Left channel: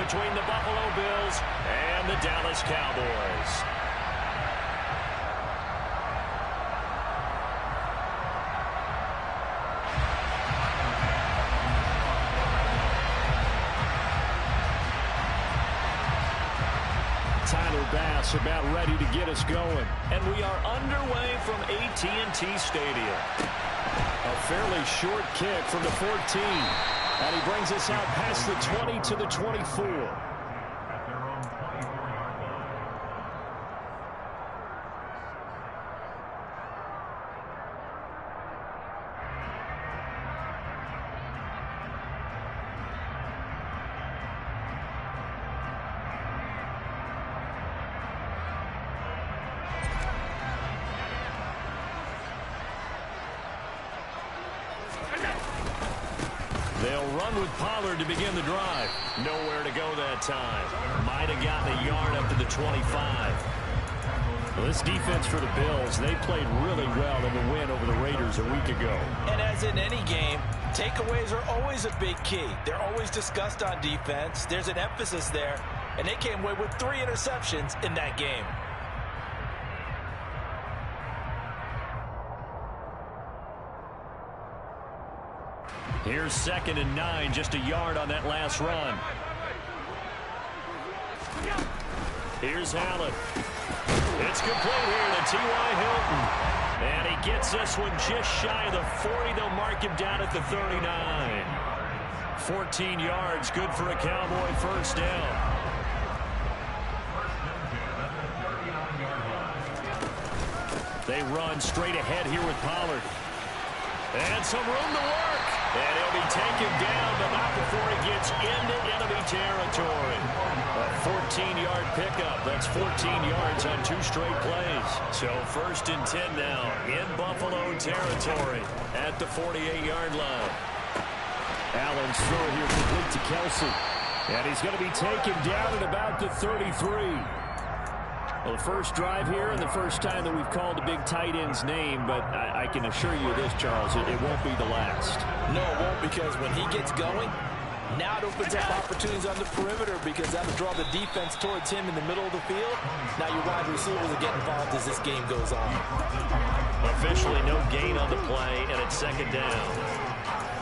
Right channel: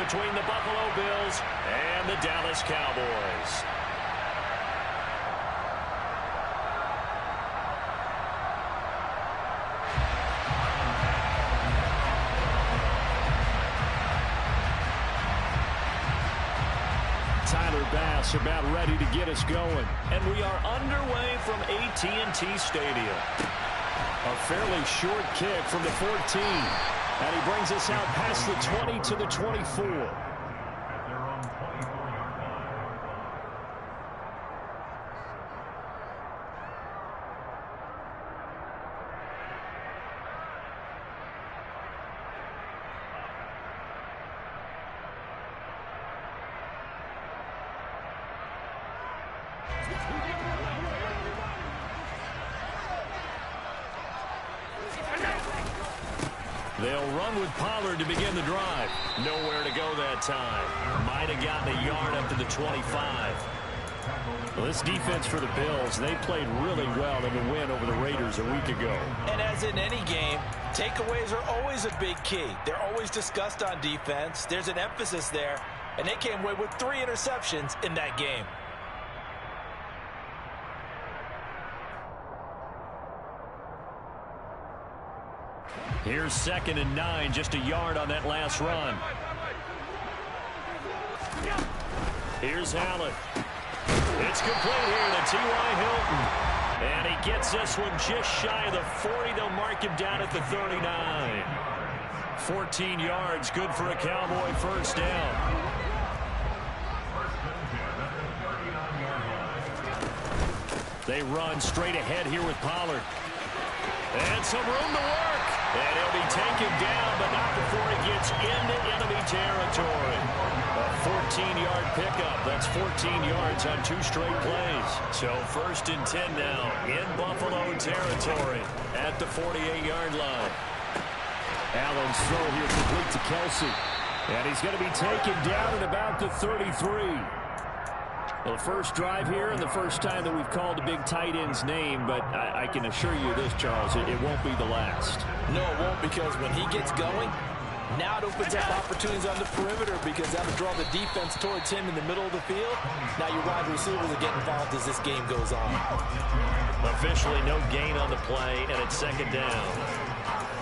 between the Buffalo Bills and the Dallas Cowboys. Tyler Bass about ready to get us going. And we are underway from AT&T Stadium. A fairly short kick from the 14. And he brings us out past the 20 to the 24. They'll run with Pollard to begin the drive. Nowhere to go that time. Might have gotten a yard up to the 25. Well, this defense for the Bills, they played really well in the win over the Raiders a week ago. And as in any game, takeaways are always a big key. They're always discussed on defense. There's an emphasis there, and they came away with 3 interceptions in that game. Here's 2nd and 9, just a yard on that last run. Here's Allen. It's complete here to T.Y. Hilton. And he gets this one just shy of the 40. They'll mark him down at the 39. 14 yards, good for a Cowboy first down. They run straight ahead here with Pollard. And some room to work. And he'll be taken down, but not before he gets into enemy territory. A 14-yard pickup. That's 14 yards on 2 straight plays. So 1st and 10 now in Buffalo territory at the 48-yard line. Allen's throw here complete to Kelsey. And he's going to be taken down at about the 33. Well, the first drive here and the first time that we've called the big tight end's name, but I can assure you this, Charles, it won't be the last. No, it won't, because when he gets going, now it opens up opportunities on the perimeter because that'll draw the defense towards him in the middle of the field. Now your wide receivers will get involved as this game goes on. Officially no gain on the play, and it's 2nd down.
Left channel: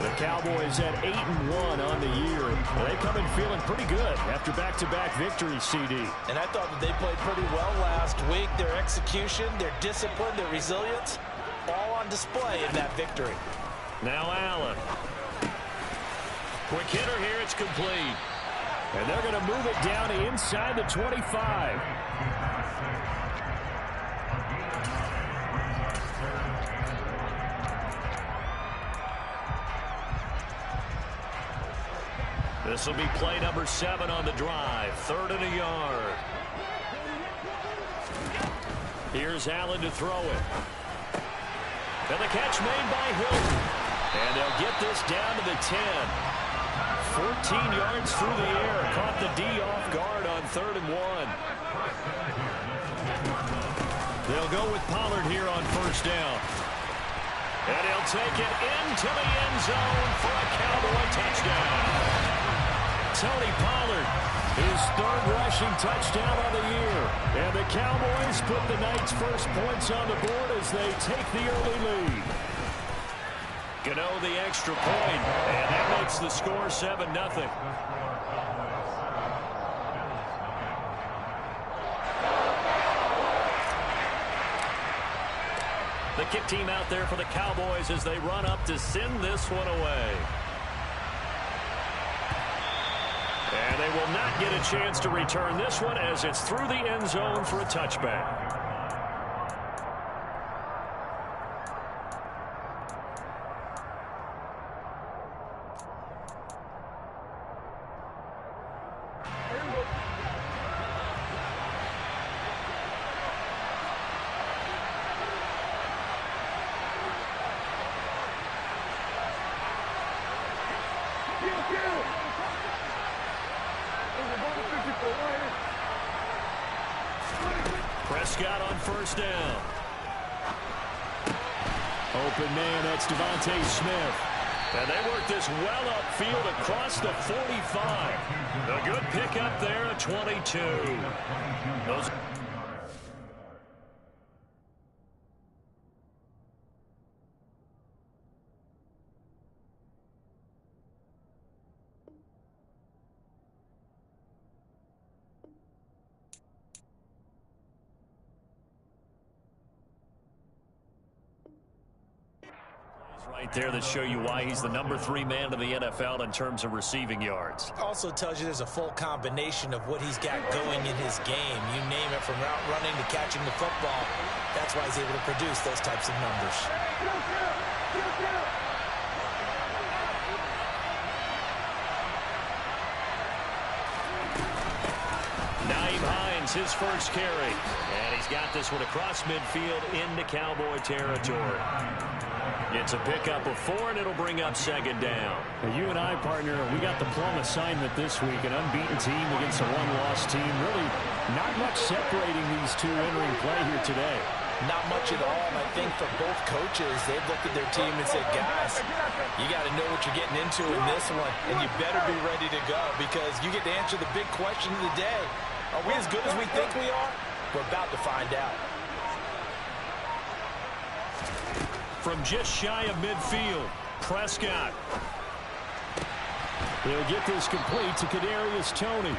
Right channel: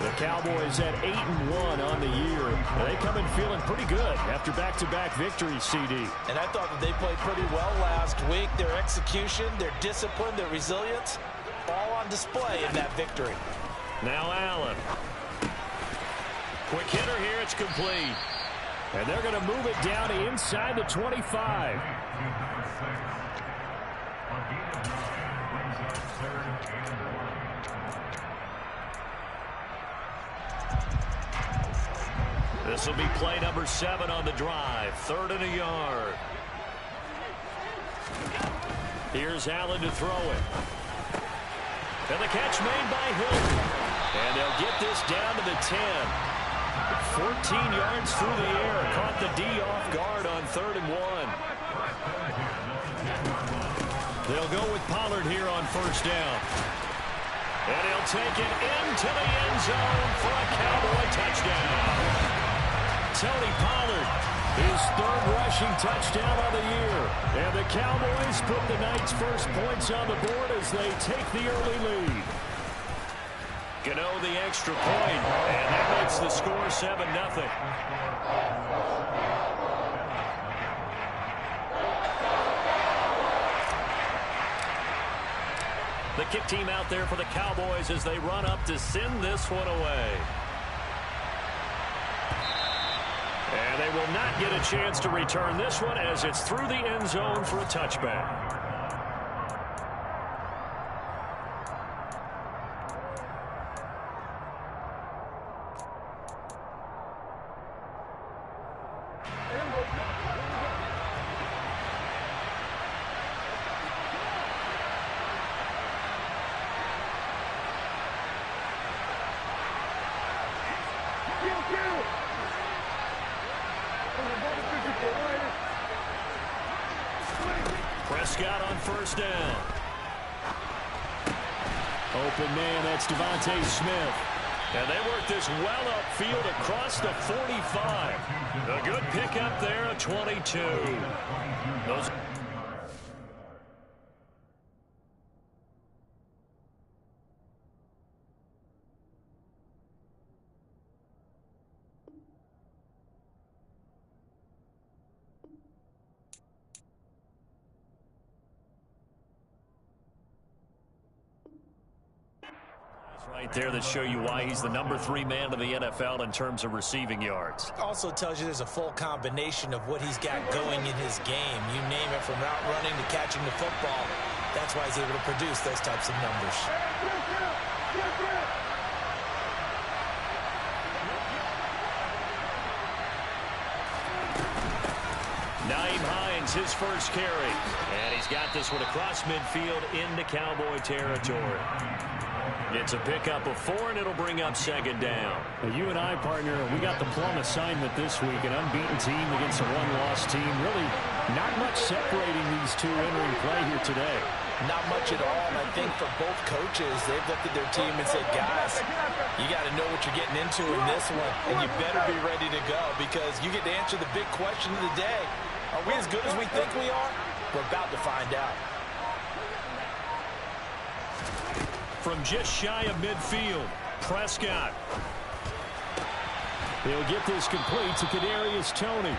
The Cowboys at 8-1 on the year. They come in feeling pretty good after back-to-back victories, CD. And I thought that they played pretty well last week. Their execution, their discipline, their resilience, all on display in that victory. Now Allen. Quick hitter here, it's complete. And they're going to move it down to inside the 25. This will be play number 7 on the drive. 3rd and a yard. Here's Allen to throw it. And the catch made by Hilton. And they'll get this down to the 10. 14 yards through the air. Caught the D off guard on 3rd and 1. They'll go with Pollard here on 1st down. And he'll take it into the end zone for a Cowboy touchdown. Tony Pollard, his 3rd rushing touchdown of the year. And the Cowboys put the night's first points on the board as they take the early lead. Gano the extra point, and that makes the score 7-0. The kick team out there for the Cowboys as they run up to send this one away. And they will not get a chance to return this one as it's through the end zone for a touchback. Prescott on 1st down. Open man, that's Devontae Smith. And they work this well upfield across the 45. A good pickup there at 22. Those right there that show you why he's the #3 man in the NFL in terms of receiving yards. Also tells you there's a full combination of what he's got going in his game. You name it, from route running to catching the football. That's why he's able to produce those types of numbers. Nyheim Hines, his first carry. And he's got this one across midfield into Cowboy territory. It's a pickup of 4, and it'll bring up second down. Now, you and I, partner, we got the plum assignment this week. An unbeaten team against a one-loss team. Really not much separating these two entering play here today. Not much at all. And I think for both coaches, they've looked at their team and said, guys, you got to know what you're getting into in this one, and you better be ready to go, because you get to answer the big question of the day. Are we as good as we think we are? We're about to find out. From just shy of midfield, Prescott. He'll get this complete to Kadarius Toney.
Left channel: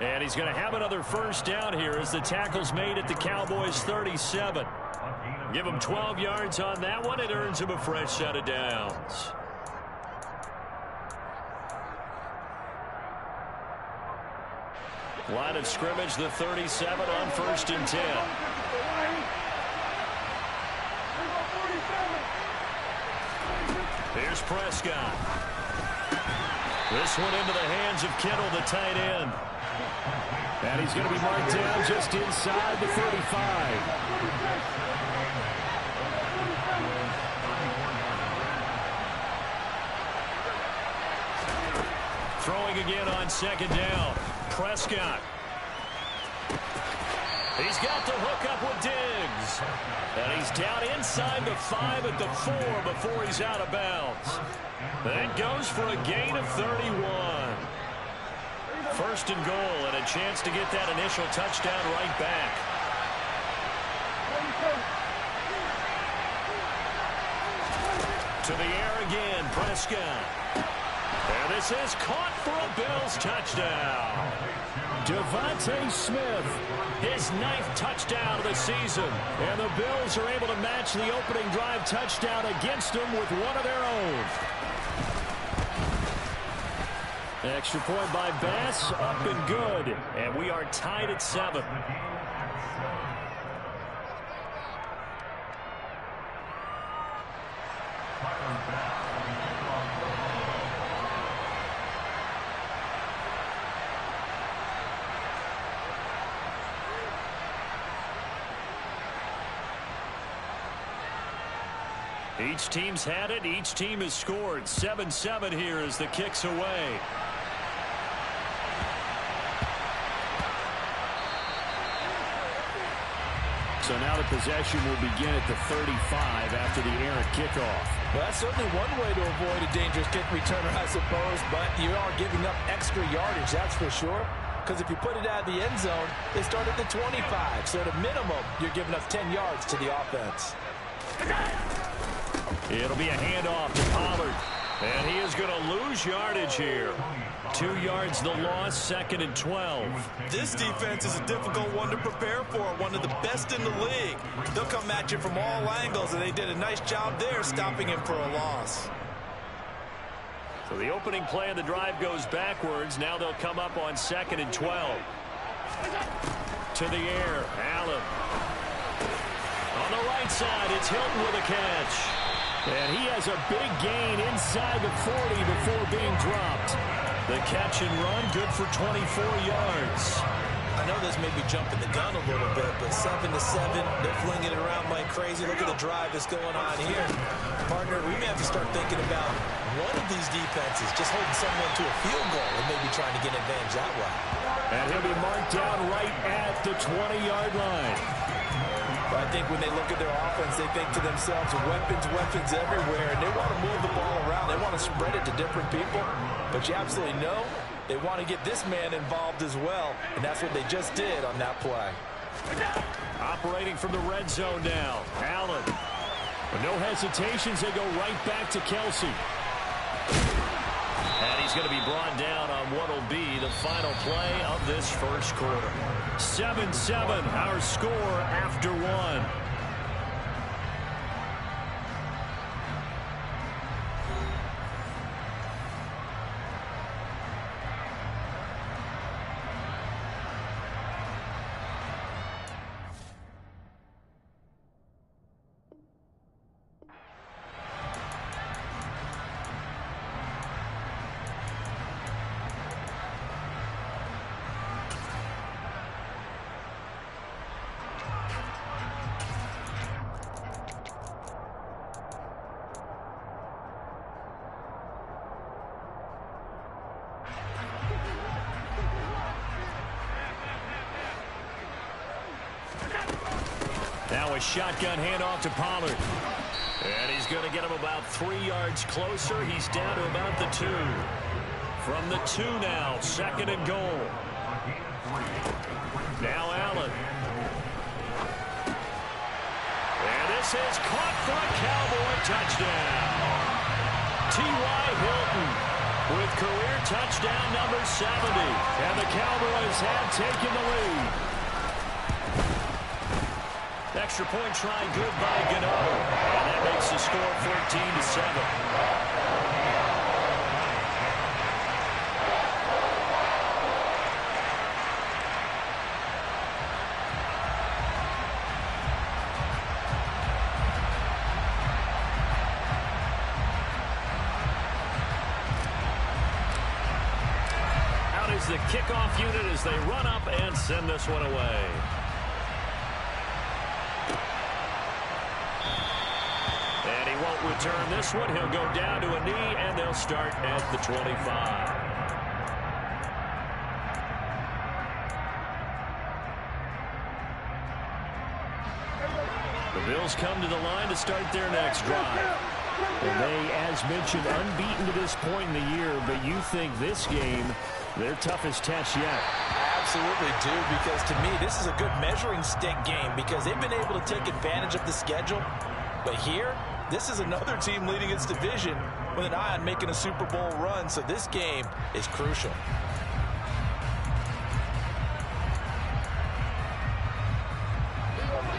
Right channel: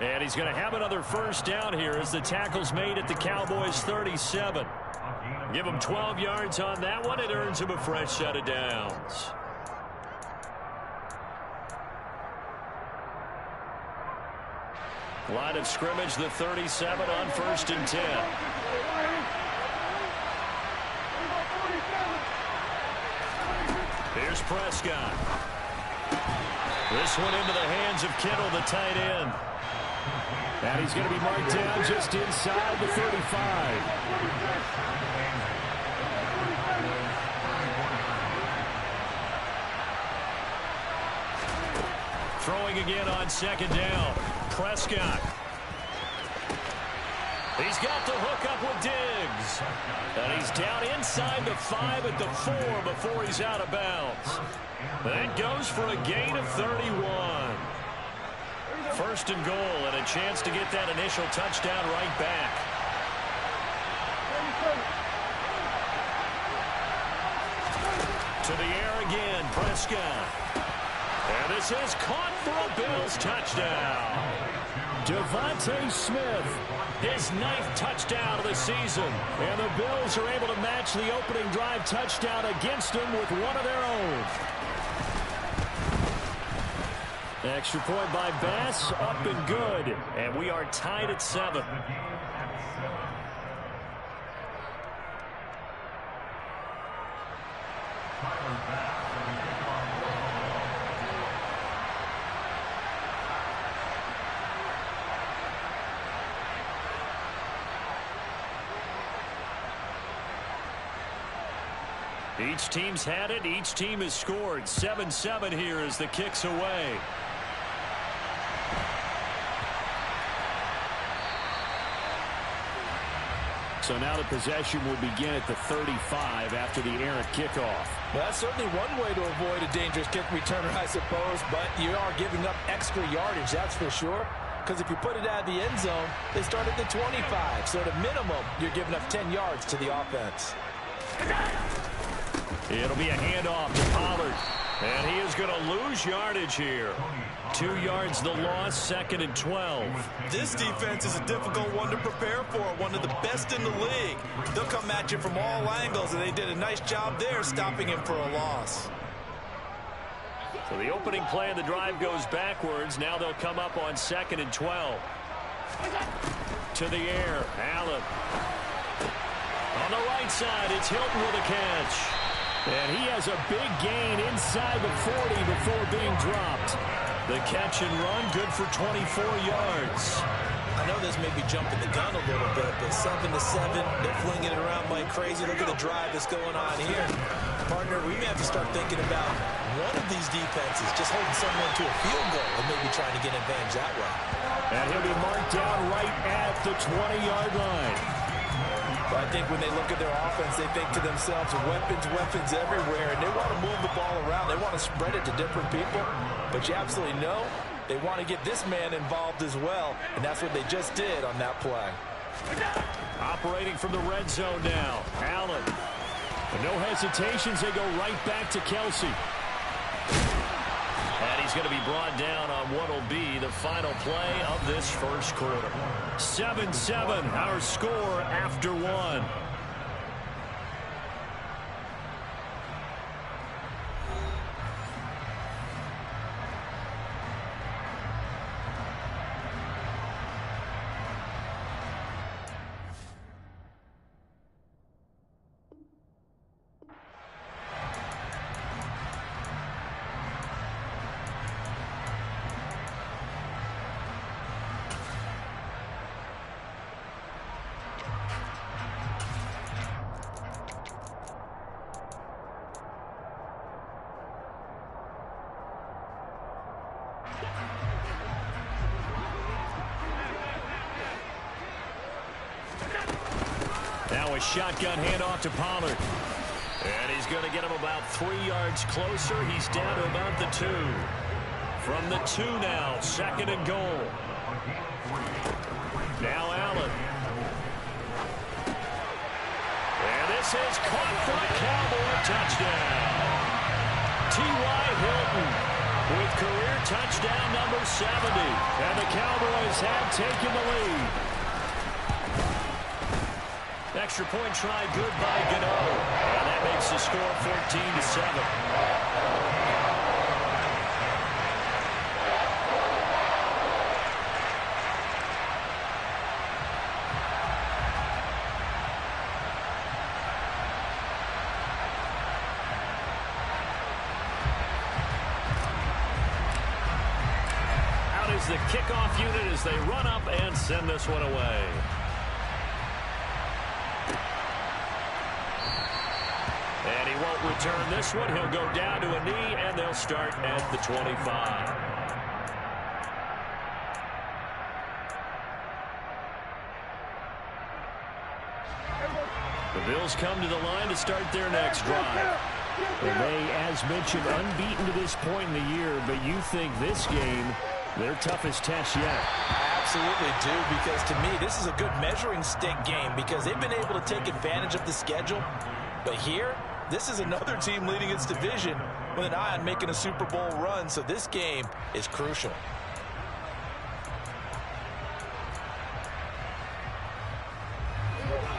And he's going to have another first down here as the tackle's made at the Cowboys' 37. Give him 12 yards on that one. It earns him a fresh set of downs. Line of scrimmage, the 37 on 1st and 10. Here's Prescott. This one into the hands of Kittle, the tight end. And he's going to be marked down just inside the 35. Throwing again on second down. Prescott. He's got the hook up with Diggs. And he's down inside the 5 at the 4 before he's out of bounds. That goes for a gain of 31. First and goal, and a chance to get that initial touchdown right back. To the air again, Prescott. And this is caught for a Bills touchdown. Devontae Smith, his 9th touchdown of the season. And the Bills are able to match the opening drive touchdown against them with one of their own. Extra point by Bass, up and good. And we are tied at 7. Each team's had it. Each team has scored. 7-7 here as the kick's away. So now the possession will begin at the 35 after the errant kickoff. Well, that's certainly one way to avoid a dangerous kick returner, I suppose, but you are giving up extra yardage, that's for sure. Because if you put it out of the end zone, they start at the 25. So at a minimum, you're giving up 10 yards to the offense. It'll be a handoff to Pollard. And he is going to lose yardage here. 2 yards the loss, 2nd and 12. This defense is a difficult one to prepare for, one of the best in the league. They'll come at you from all angles, and they did a nice job there stopping him for a loss. So the opening play of the drive goes backwards. Now they'll come up on 2nd and 12. To the air, Allen. On the right side, it's Hilton with a catch. And he has a big gain inside the 40 before being dropped. The catch and run, good for 24 yards. I know this may be jumping the gun a little bit, but 7-7, they're flinging it around like crazy. Look at the drive that's going on here. Partner, we may have to start thinking about one of these defenses just holding someone to a field goal and maybe trying to get an advantage that way. And he'll be marked down right at the 20-yard line. But I think when they look at their offense, they think to themselves, weapons, weapons everywhere, and they want to move the ball around. They want to spread it to different people. But you absolutely know they want to get this man involved as well, and that's what they just did on that play. Operating from the red zone now. Allen. With no hesitations, they go right back to Kelsey. And he's going to be brought down on what will be the final play of this first quarter. 7-7, our score after one. Now a shotgun handoff to Pollard. And he's going to get him about 3 yards closer. He's down to about the 2. From the 2 now, 2nd and goal. Now Allen. And this is caught for a Cowboy touchdown. T.Y. Hilton with career touchdown number 70. And the Cowboys have taken the lead. Extra point try good by Gano. And that makes the score 14-7. Out is the kickoff unit as they run up and send this one away. And he won't return this one. He'll go down to a knee, and they'll start at the 25. The Bills come to the line to start their next drive. And they, as mentioned, unbeaten to this point in the year, but you think this game, their toughest test yet. I absolutely do, because to me, this is a good measuring stick game because they've been able to take advantage of the schedule. But here, this is another team leading its division with an eye on making a Super Bowl run, so this game is crucial.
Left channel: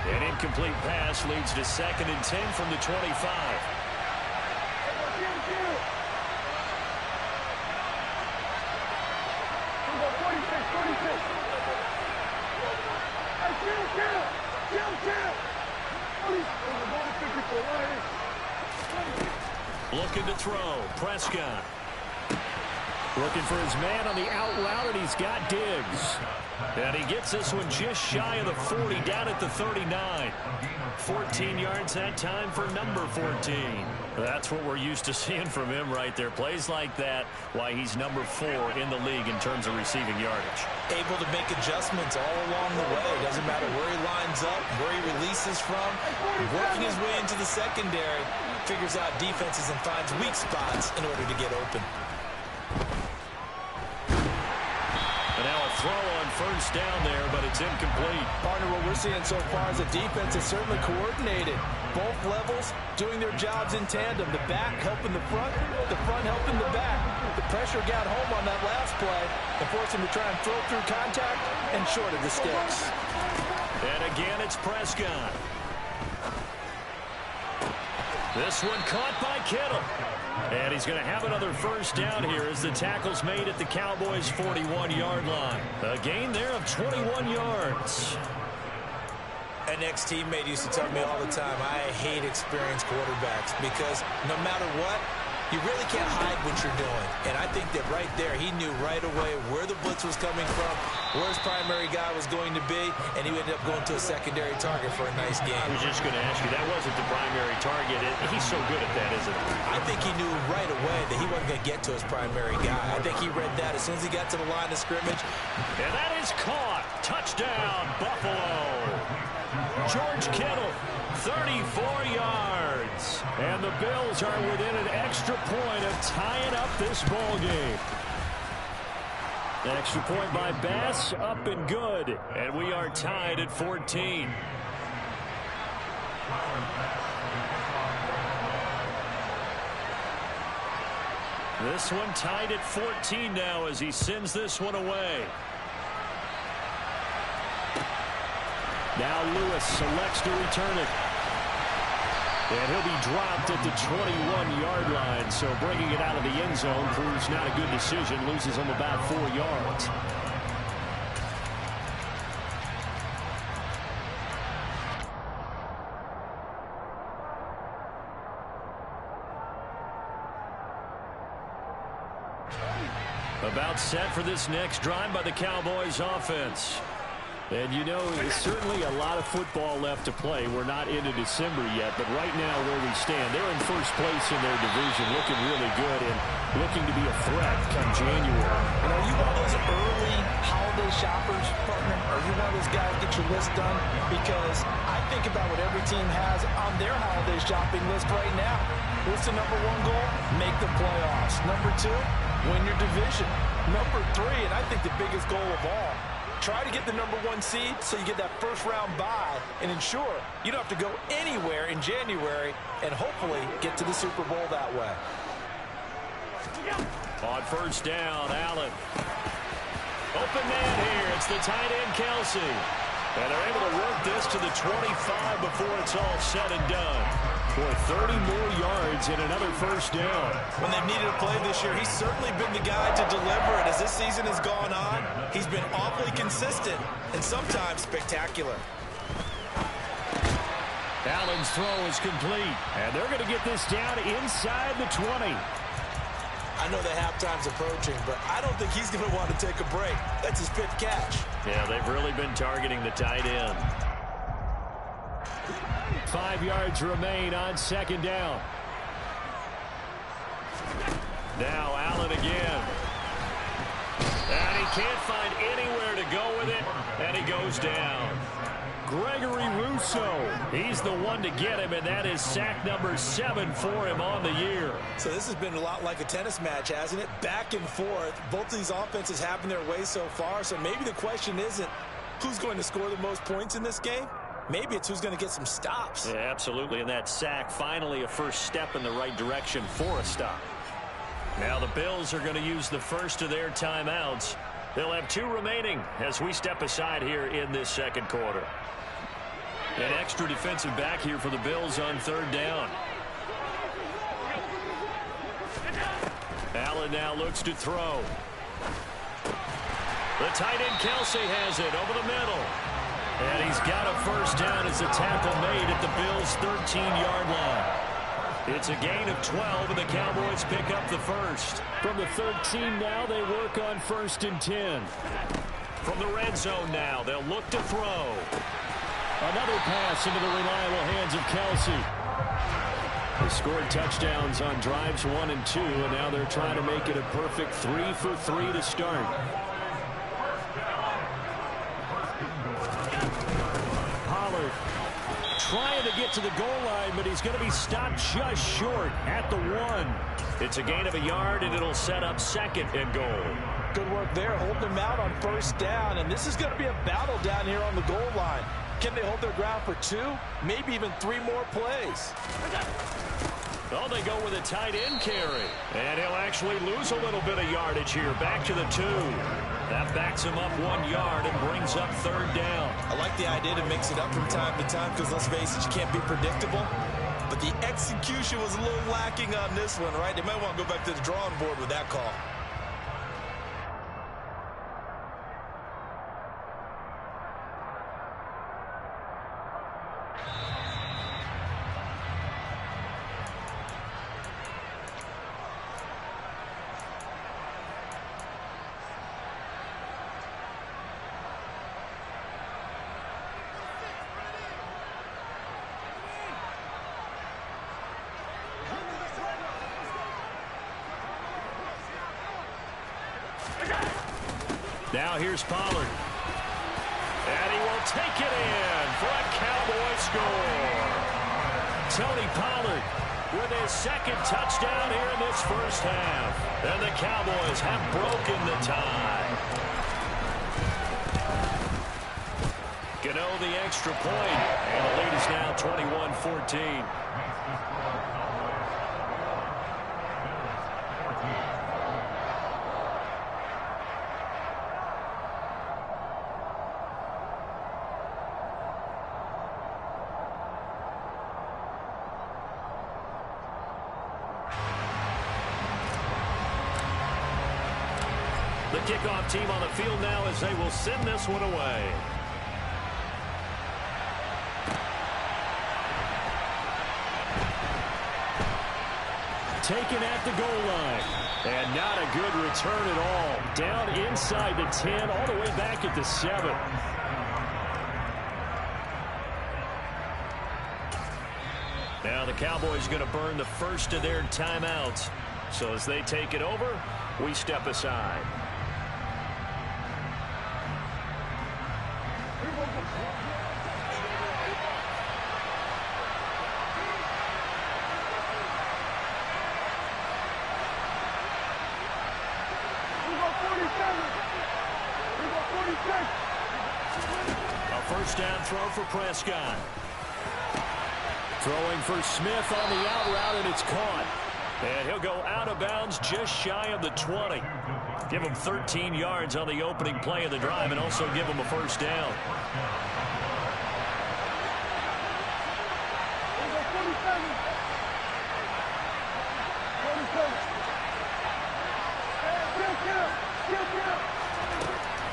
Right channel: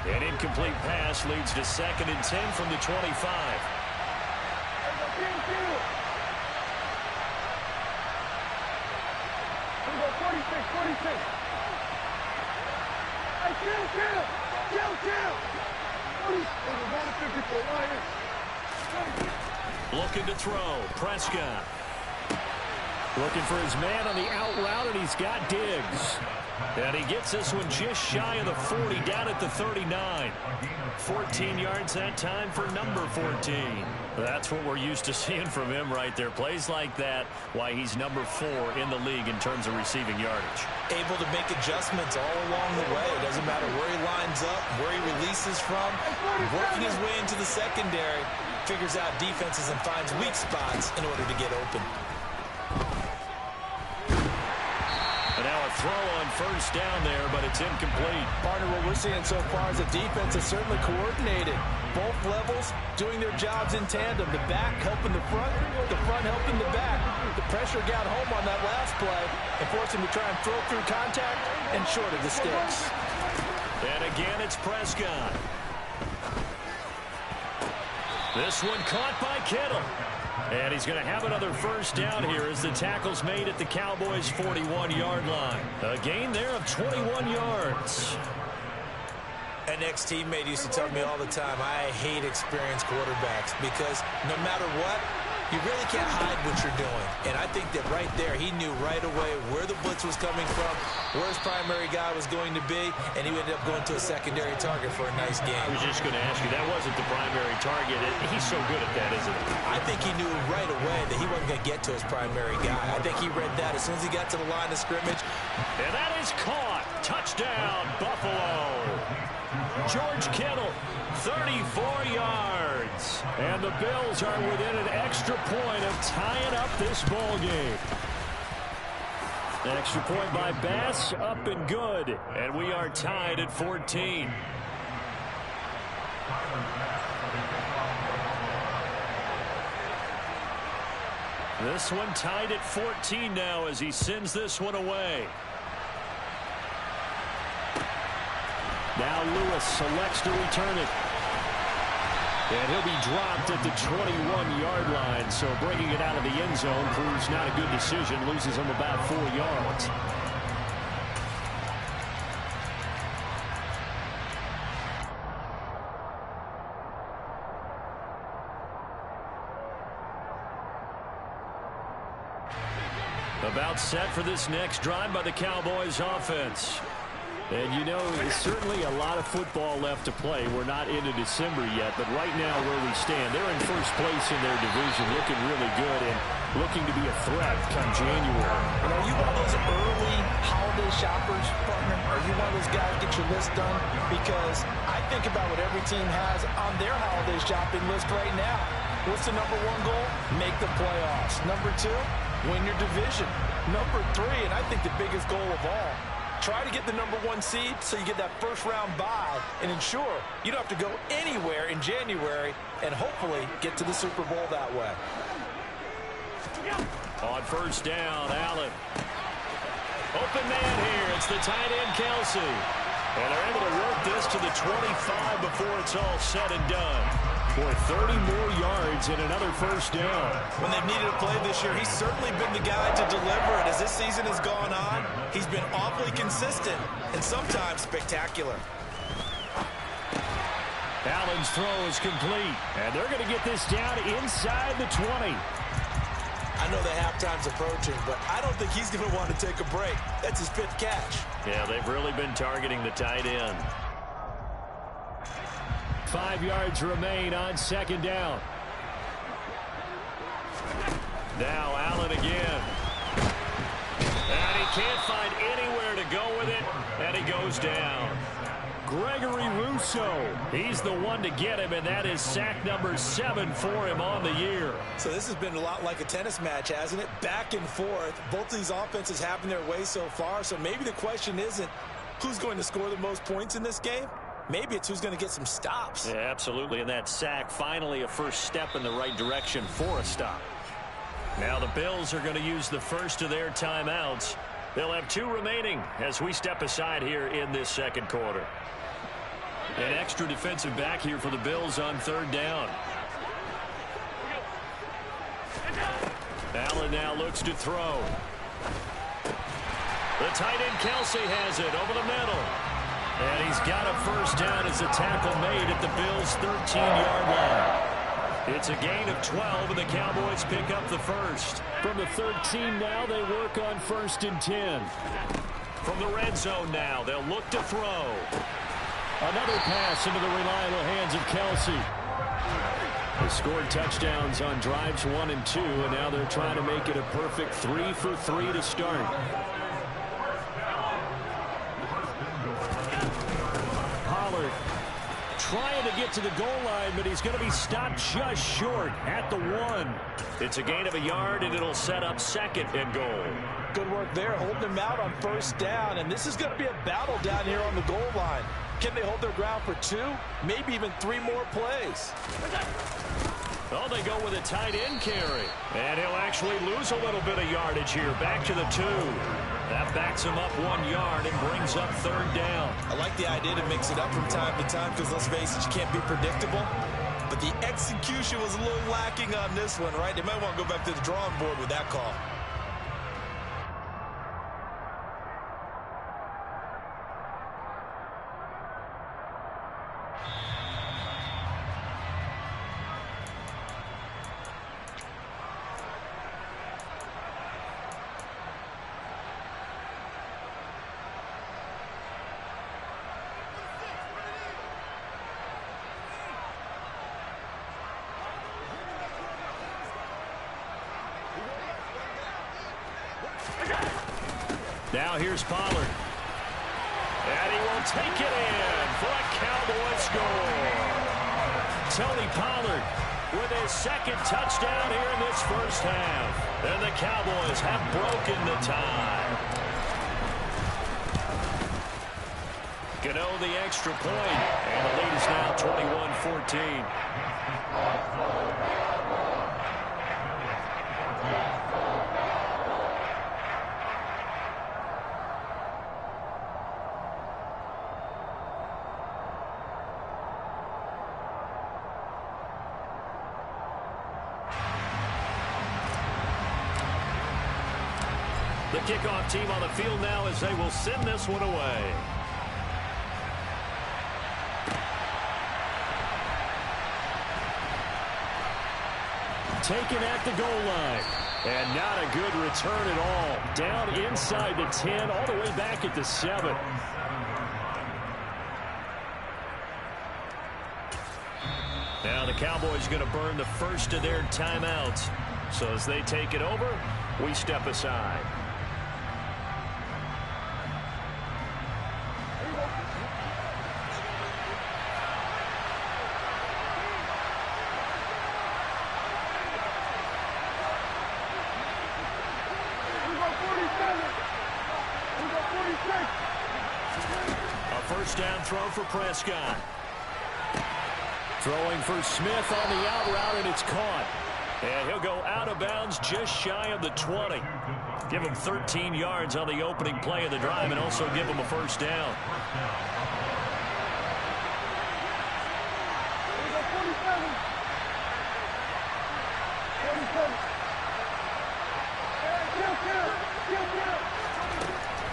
An incomplete pass leads to 2nd and 10 from the 25. Looking to throw. Prescott. Looking for his man on the out route, and he's got Diggs. And he gets this one just shy of the 40, down at the 39. 14 yards that time for number 14. That's what we're used to seeing from him right there. Plays like that, why he's number 4 in the league in terms of receiving yardage. Able to make adjustments all along the way. Doesn't matter where he lines up, where he releases from. Working his way into the secondary, figures out defenses and finds weak spots in order to get open. And now a throw on first down there, but it's incomplete. Partner, what we're seeing so far is the defense is certainly coordinated. Both levels doing their jobs in tandem. The back helping the front helping the back. The pressure got home on that last play and forced him to try and throw through contact and short of the sticks. And again, it's Prescott. This one caught by Kittle. And he's going to have another first down here as the tackle's made at the Cowboys' 41-yard line. A gain there of 21 yards. An ex-teammate used to tell me all the time, I hate experienced quarterbacks because no matter what, you really can't hide what you're doing. And I think that right there, he knew right away where the blitz was coming from, where his primary guy was going to be, and he ended up going to a secondary target for a nice game. I was just going to ask you, that wasn't the primary target. He's so good at that, isn't he? I think he knew right away that he wasn't going to get to his primary guy. I think he read that as soon as he got to the line of scrimmage. And that is caught. Touchdown, Buffalo. George Kittle, 34 yards. And the Bills are within an extra point of tying up this ball game. Extra point by Bass, up and good. And we are tied at 14. This one tied at 14 now as he sends this one away. Now Lewis selects to return it. And he'll be dropped at the 21-yard line. So bringing it out of the end zone proves not a good decision. Loses him about 4 yards. About set for this next drive by the Cowboys offense. And, you know, certainly a lot of football left to play. We're not into December yet, but right now where we stand, they're in first place in their division, looking really good and looking to be a threat come January. And are you one of those early holiday shoppers, partner? Are you one of those guys get your list done? Because I think about what every team has on their holiday shopping list right now. What's the number one goal? Make the playoffs. Number two, win your division. Number three, and I think the biggest goal of all, try to get the number one seed so you get that first round bye and ensure you don't have to go anywhere in January and hopefully get to the Super Bowl that way. On first down, Allen. Open man here. It's the tight end, Kelsey. And they're able to work this to the 25 before it's all said and done. Boy, 30 more yards and another first down. When they've needed a play this year, he's certainly been the guy to deliver it. As this season has gone on, he's been awfully consistent and sometimes spectacular. Allen's throw is complete. And they're going to get this down inside the 20. I know the halftime's approaching, but I don't think he's going to want to take a break. That's his fifth catch. Yeah, they've really been targeting the tight end. 5 yards remain on second down. Now Allen again. And he can't find anywhere to go with it, and he goes down. Gregory Rousseau, he's the one to get him, and that is sack number 7 for him on the year. So this has been a lot like a tennis match, hasn't it? Back and forth. Both of these offenses having their way so far, so maybe the question isn't who's going to score the most points in this game. Maybe it's who's going to get some stops. Yeah, absolutely, and that sack finally a first step in the right direction for a stop. Now the Bills are going to use the first of their timeouts. They'll have 2 remaining as we step aside here in this second quarter. An extra defensive back here for the Bills on third down. Allen now looks to throw. The tight end Kelsey has it over the middle. And he's got a first down as the tackle made at the Bills' 13-yard line. It's a gain of 12, and the Cowboys pick up the first. From the 13 now, they work on 1st and 10. From the red zone now, they'll look to throw. Another pass into the reliable hands of Kelsey. They scored touchdowns on drives 1 and 2, and now they're trying to make it a perfect 3 for 3 to start. Pollard trying to get to the goal line, but he's going to be stopped just short at the 1. It's a gain of a yard, and it'll set up 2nd and goal. Good work there, holding them out on first down, and this is going to be a battle down here on the goal line. Can they hold their ground for 2, maybe even 3 more plays? Oh, they go with a tight end carry. And he'll actually lose a little bit of yardage here. Back to the 2. That backs him up 1 yard and brings up third down. I like the idea to mix it up from time to time because, let's face it, you can't be predictable. But the execution was a little lacking on this one, right? They might want to go back to the drawing board with that call. Now here's Pollard. And he will take it in for a Cowboy score. Tony Pollard with his second touchdown here in this first half. And the Cowboys have broken the tie. Gano the extra point, and the lead is now 21-14. The kickoff team on the field now as they will send this one away. Taken at the goal line. And not a good return at all. Down inside the 10, all the way back at the 7. Now the Cowboys going to burn the first of their timeouts. So as they take it over, we step aside. A first down throw for Prescott. Throwing for Smith on the out route, and it's caught. And he'll go out of bounds just shy of the 20. Give him 13 yards on the opening play of the drive and also give him a first down.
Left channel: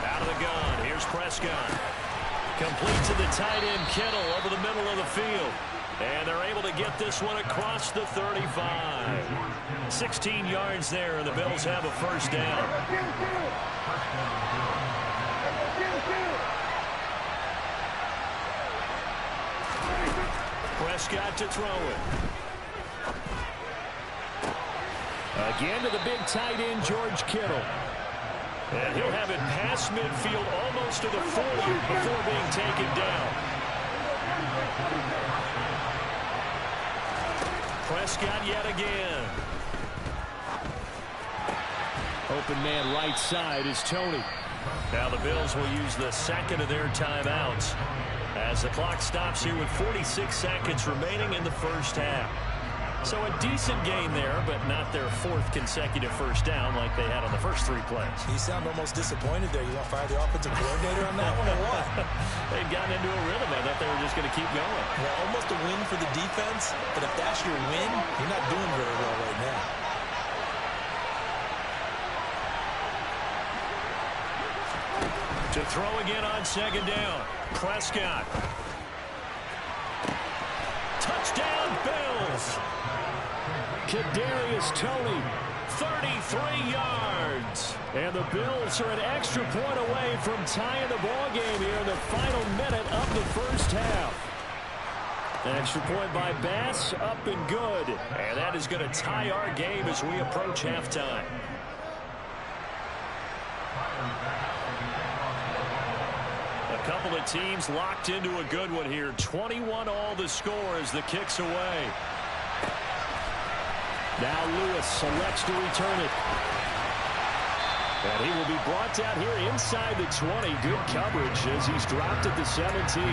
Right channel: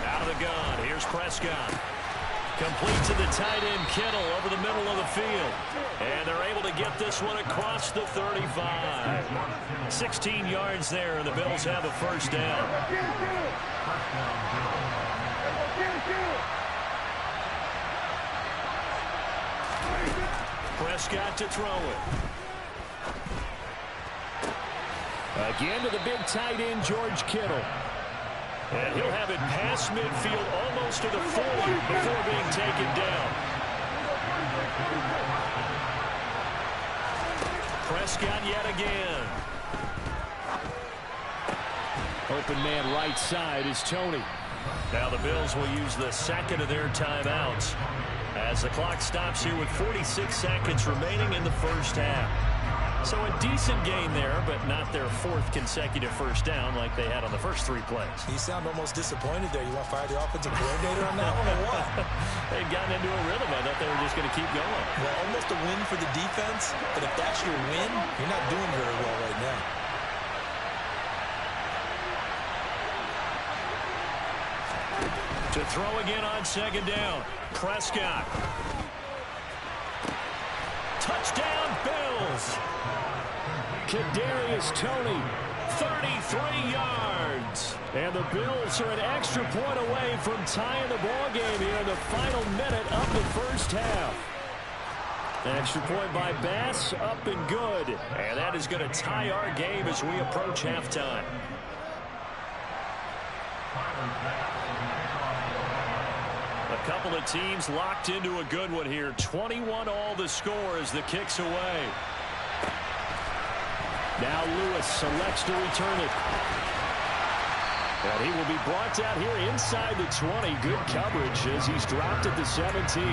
Out of the gun, here's Prescott. Complete to the tight end, Kittle, over the middle of the field. And they're able to get this one across the 35. 16 yards there, and the Bills have a first down. Prescott to throw it. Again to the big tight end, George Kittle. And he'll have it past midfield almost to the 40 before being taken down. Prescott yet again. Open man right side is Tony. Now the Bills will use the second of their timeouts as the clock stops here with 46 seconds remaining in the first half. So a decent game there, but not their fourth consecutive first down like they had on the first 3 plays. You sound almost disappointed there. You want to fire the offensive coordinator on that one or what? They'd gotten into a rhythm. I thought they were just going to keep going. Well, almost a win for the defense, but if that's your win, you're not doing very well right now. To throw again on second down. Prescott. Touchdown, Bills. Kadarius Toney, 33 yards. And the Bills are an extra point away from tying the ball game here in the final minute of the first half. An extra point by Bass, up and good. And that is going to tie our game as we approach halftime. A couple of teams locked into a good one here. 21-all the score as the kick's away. Now Lewis selects to return it. And he will be brought down here inside the 20. Good coverage as he's dropped at the 17.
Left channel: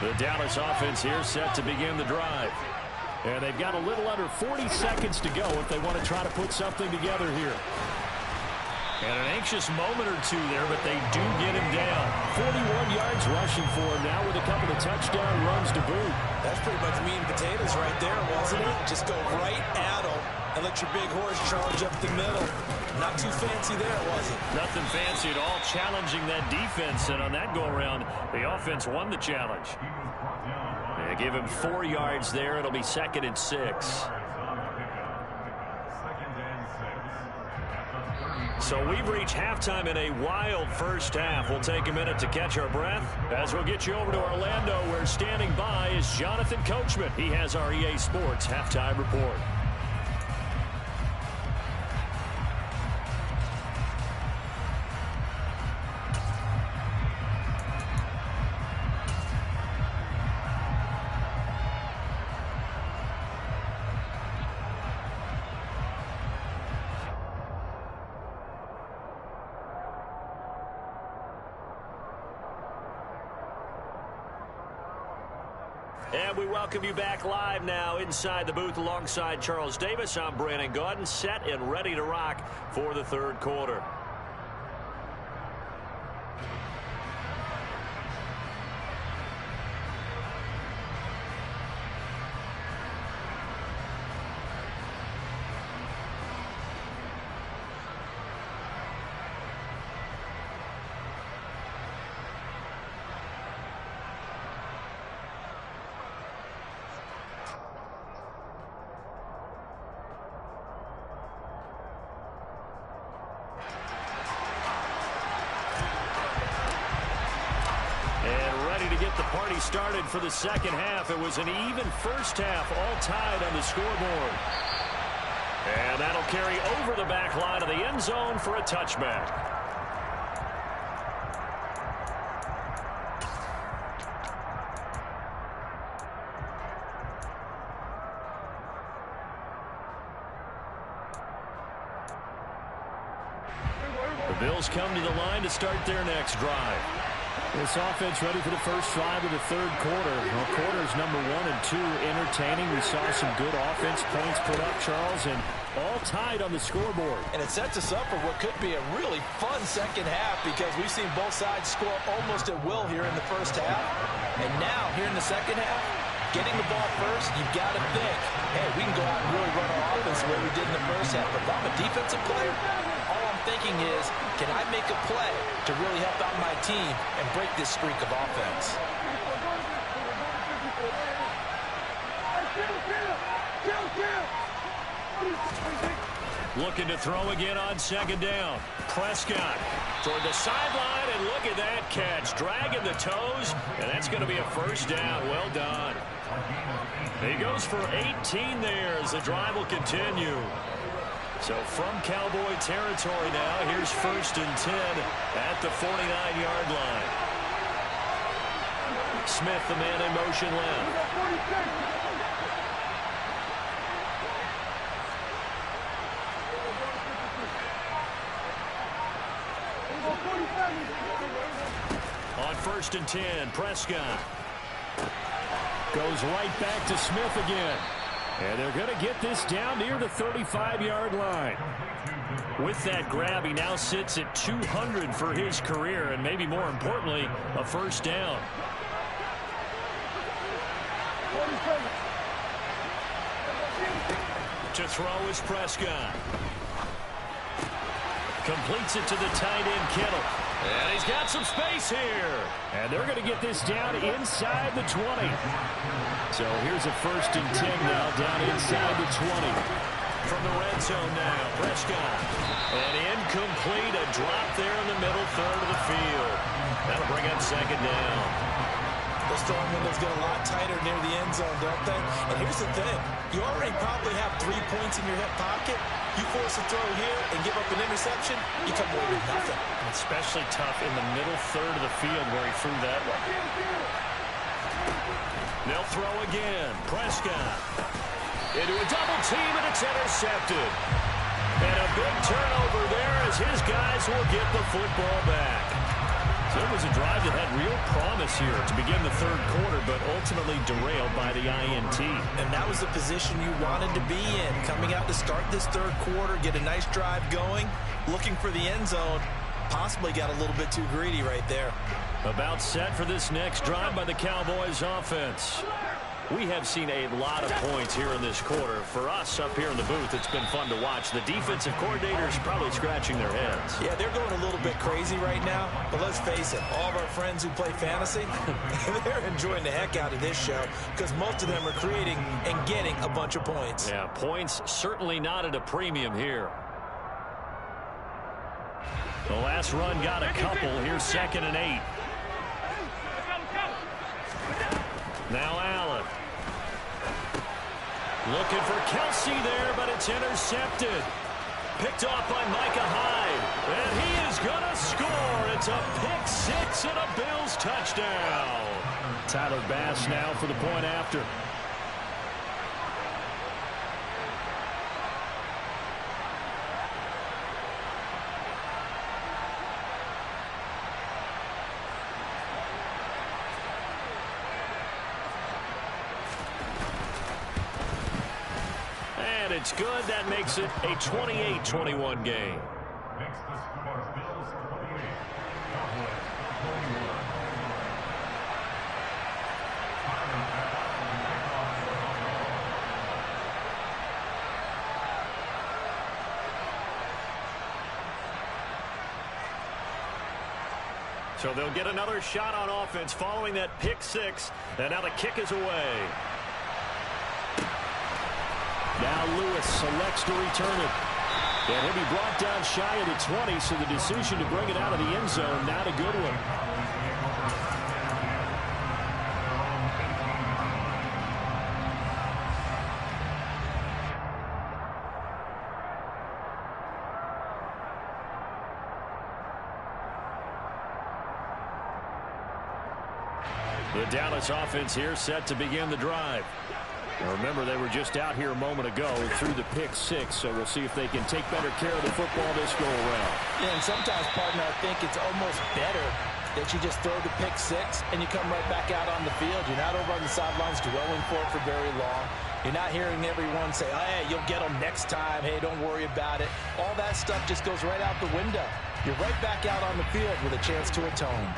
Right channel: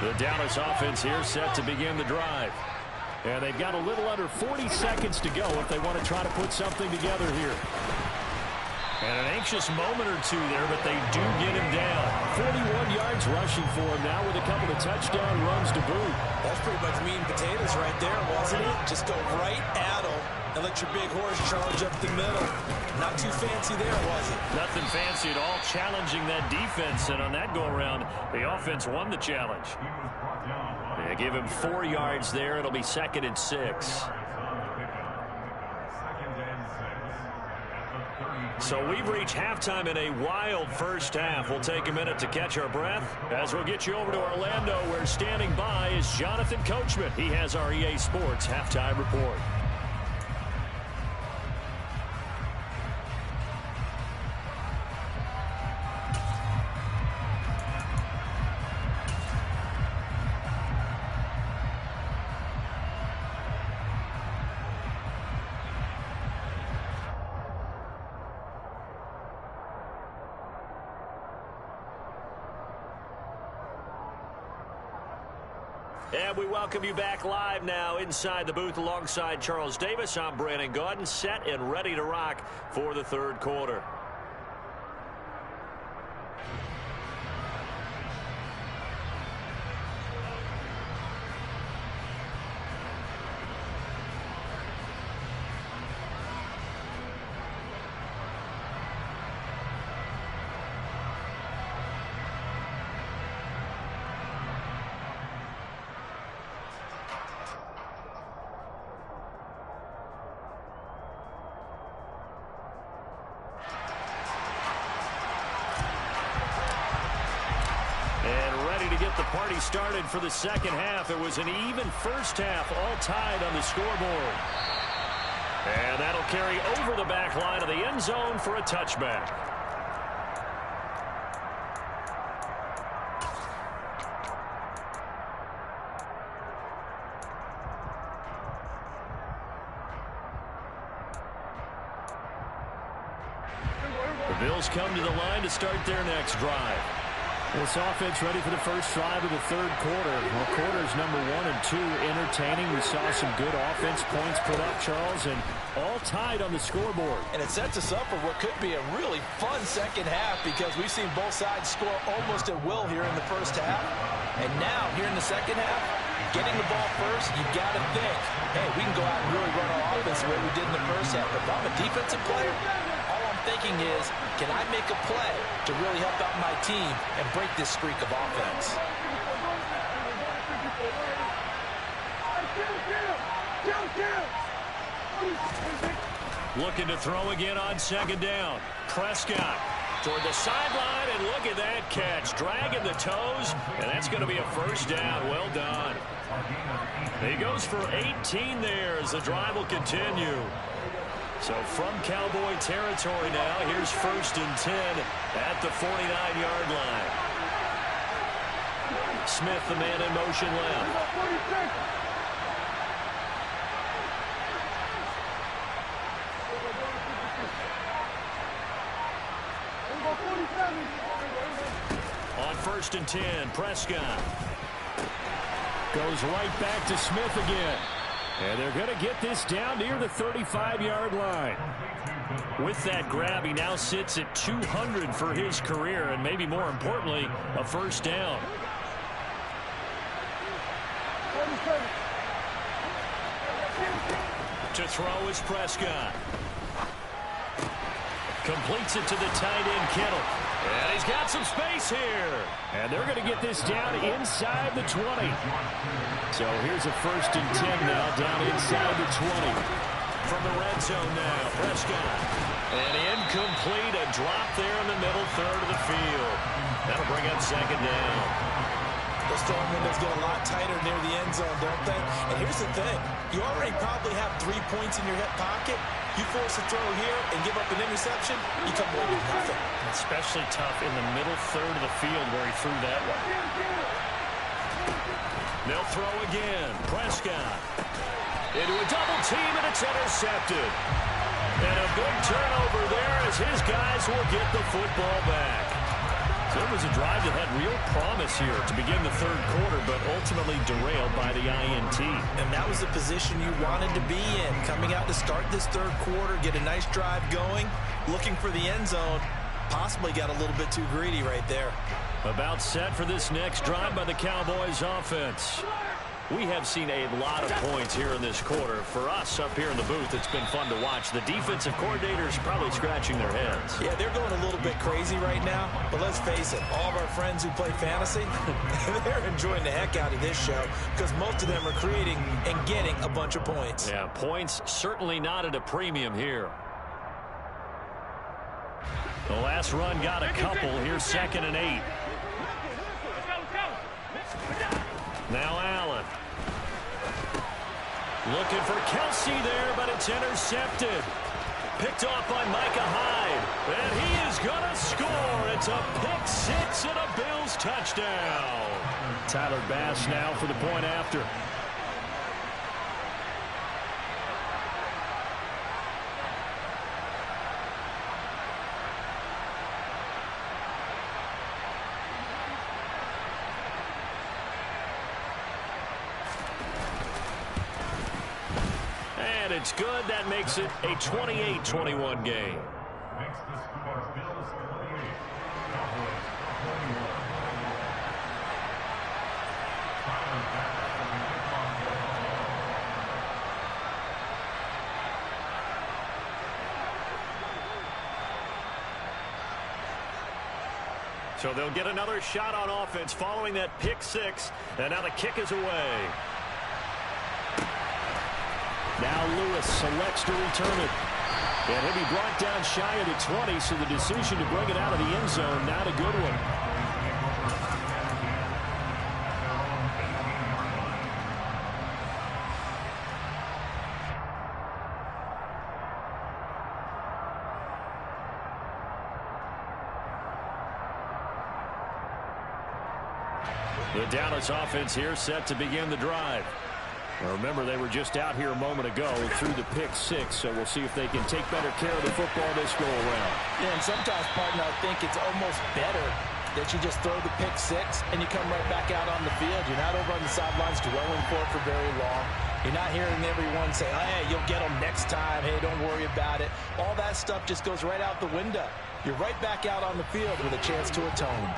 The Dallas offense here set to begin the drive. And they've got a little under 40 seconds to go if they want to try to put something together here. And an anxious moment or two there, but they do get him down. 41 yards rushing for him now with a couple of touchdown runs to boot. That's pretty much meat and potatoes right there, wasn't it? Just go right at him and let your big horse charge up the middle. Not too fancy there, was it? Nothing fancy at all, challenging that defense. And on that go-around, the offense won the challenge. They give him 4 yards there. It'll be 2nd and 6. So we've reached halftime in a wild first half. We'll take a minute to catch our breath as we'll get you over to Orlando, where standing by is Jonathan Coachman. He has our EA Sports halftime report. And we welcome you back live now inside the booth alongside Charles Davis. I'm Brandon Gaudin, set and ready to rock for the third quarter. To get the party started for the second half. It was an even first half, all tied on the scoreboard. And that'll carry over the back line of the end zone for a touchback. The Bills come to the line to start their next drive. This offense ready for the first drive of the third quarter. Well, quarters number 1 and 2 entertaining. We saw some good offense points put up, Charles, and all tied on the scoreboard. And it sets us up for what could be a really fun second half, because we've seen both sides score almost at will here in the first half. And now, here in the second half, getting the ball first, you've got to think, hey, we can go out and really run our offense the way we did in the first half. But if I'm a defensive player, all I'm thinking is, can I make a play to really help out my team and break this streak of offense? Looking to throw again on second down. Prescott toward the sideline, and look at that catch. Dragging the toes, and that's going to be a first down. Well done. He goes for 18 there as the drive will continue. So from Cowboy territory now, here's 1st and 10 at the 49-yard line. Smith, the man in motion left. On 1st and 10, Prescott goes right back to Smith again. And they're going to get this down near the 35-yard line. With that grab, he now sits at 200 for his career, and maybe more importantly, a first down. To throw is Prescott. Completes it to the tight end, Kittle. And he's got some space here. And they're going to get this down inside the 20. So here's a 1st and 10 now, down inside the 20. From the red zone now, Prescott. And incomplete, a drop there in the middle third of the field. That'll bring up second down. Those throwing windows get a lot tighter near the end zone, don't they? And here's the thing. You already probably have 3 points in your hip pocket. You force a throw here and give up an interception, you come away with nothing. Especially tough in the middle third of the field where he threw that one. They'll throw again. Prescott into a double team, and it's intercepted. And a big turnover there as his guys will get the football back. So it was a drive that had real promise here to begin the third quarter, but ultimately derailed by the INT. And that was the position you wanted to be in. Coming out to start this third quarter, get a nice drive going, looking for the end zone. Possibly got a little bit too greedy right there. About set for this next drive by the Cowboys offense. We have seen a lot of points here in this quarter. For us up here in the booth, it's been fun to watch. The defensive coordinators probably scratching their heads. Yeah, they're going a little bit crazy right now. But let's face it, all of our friends who play fantasy, they're enjoying the heck out of this show because most of them are creating and getting a bunch of points. Yeah, points certainly not at a premium here. The last run got a couple. Here's 2nd and 8. Now Allen. Looking for Kelce there, but it's intercepted. Picked off by Micah Hyde. And he is going to score. It's a pick 6 and a Bills touchdown. Tyler Bass now for the point after. And it's good. That makes it a 28-21 game. Makes the score Bills 28, Cowboys 21. Tyler Bass will be kicked off for So they'll get another shot on offense following that pick 6. And now the kick is away. Now Lewis selects to return it. And he'll be brought down shy of the 20, so the decision to bring it out of the end zone, not a good one. The Dallas offense here set to begin the drive. Now remember, they were just out here a moment ago through the pick 6, so we'll see if they can take better care of the football this go around. Yeah, and sometimes, partner, I think it's almost better that you just throw the pick 6 and you come right back out on the field. You're not over on the sidelines dwelling for it for very long. You're not hearing everyone say, oh, hey, you'll get them next time. Hey, don't worry about it. All that stuff just goes right out the window. You're right back out on the field with a chance to atone.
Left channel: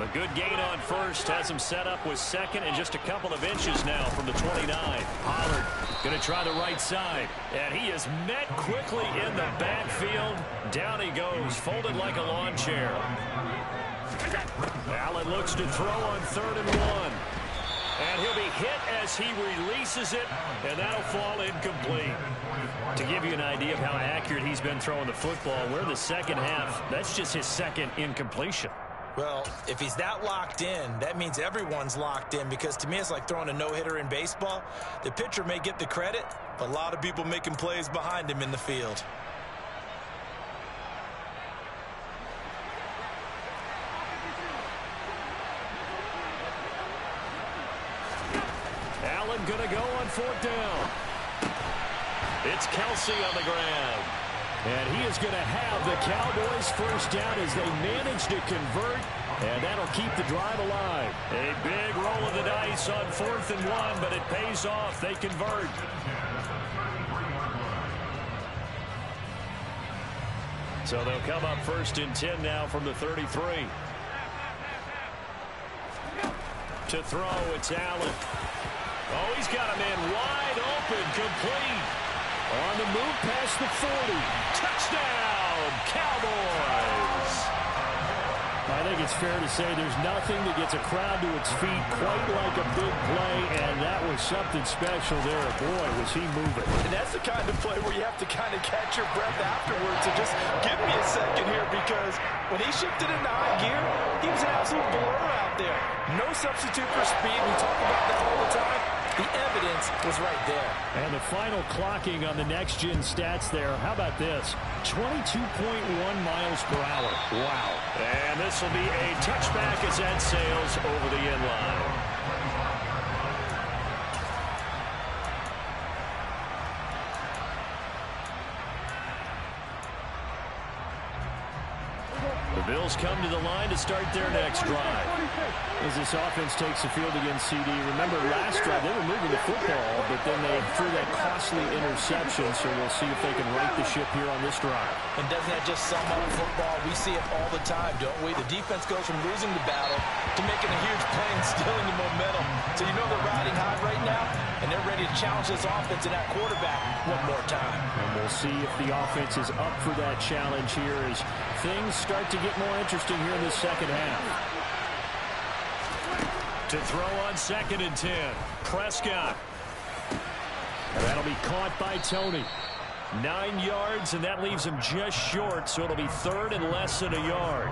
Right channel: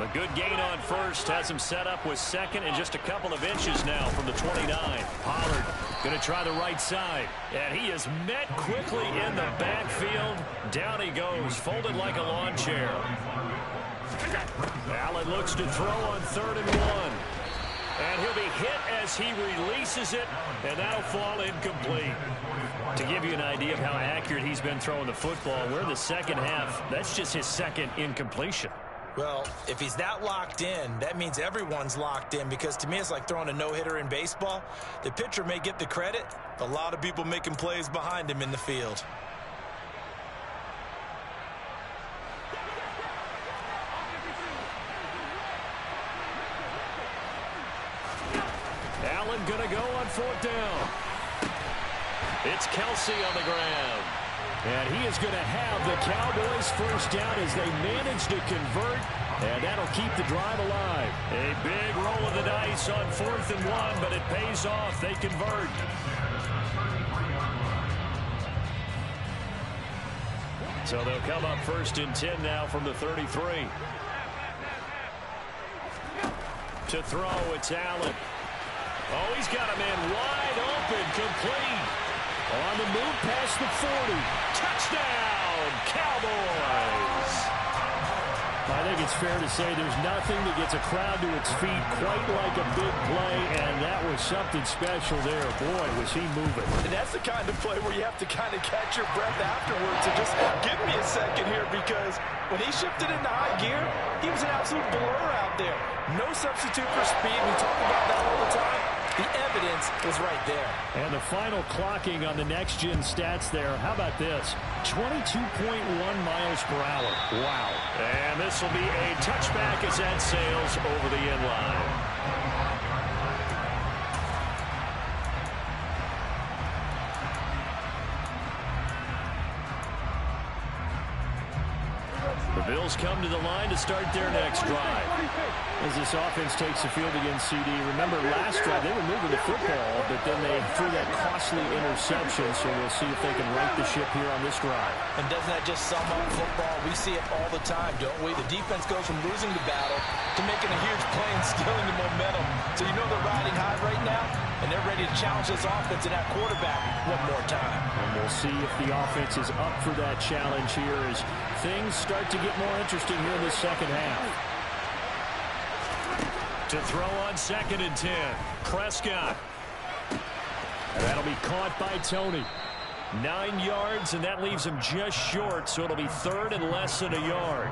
A good gain on first has him set up with 2nd and just a couple of inches now from the 29. Pollard going to try the right side. And he is met quickly in the backfield. Down he goes, folded like a lawn chair. Allen looks to throw on 3rd and 1. And he'll be hit as he releases it, and that'll fall incomplete. To give you an idea of how accurate he's been throwing the football, we're the second half. That's just his 2nd incompletion. Well, if he's that locked in, that means everyone's locked in, because to me it's like throwing a no-hitter in baseball. The pitcher may get the credit, but a lot of people making plays behind him in the field. Allen going to go on 4th down. It's Kelce on the ground. And he is going to have the Cowboys first down as they manage to convert, and that'll keep the drive alive. A big roll of the dice on 4th and 1, but it pays off. They convert. So they'll come up 1st and 10 now from the 33. To throw, it's Allen. Oh, he's got a man wide open, complete. On the move past the 40. Touchdown, Cowboys. I think it's fair to say there's nothing that gets a crowd to its feet quite like a big play, and that was something special there. Boy, was he moving. And that's the kind of play where you have to kind of catch your breath afterwards and just give me a second here, because when he shifted into high gear, he was an absolute blur out there. No substitute for speed. We talk about that all the time. The evidence was right there. And the final clocking on the next-gen stats there. How about this? 22.1 miles per hour. Wow. And this will be a touchback as that sails over the end line. The Bills come to the line to start their next drive. As this offense takes the field against CD, remember last drive they were moving the football, but then they threw that costly interception, so we'll see if they can right the ship here on this drive. And doesn't that just sum up football? We see it all the time, don't we? The defense goes from losing the battle to making a huge play and stealing the momentum. So you know they're riding high right now, and they're ready to challenge this offense and that quarterback one more time. And we'll see if the offense is up for that challenge here as things start to get more interesting here in the second half. To throw on 2nd and 10. Prescott. And that'll be caught by Tony. 9 yards, and that leaves him just short, so it'll be third and less than a yard.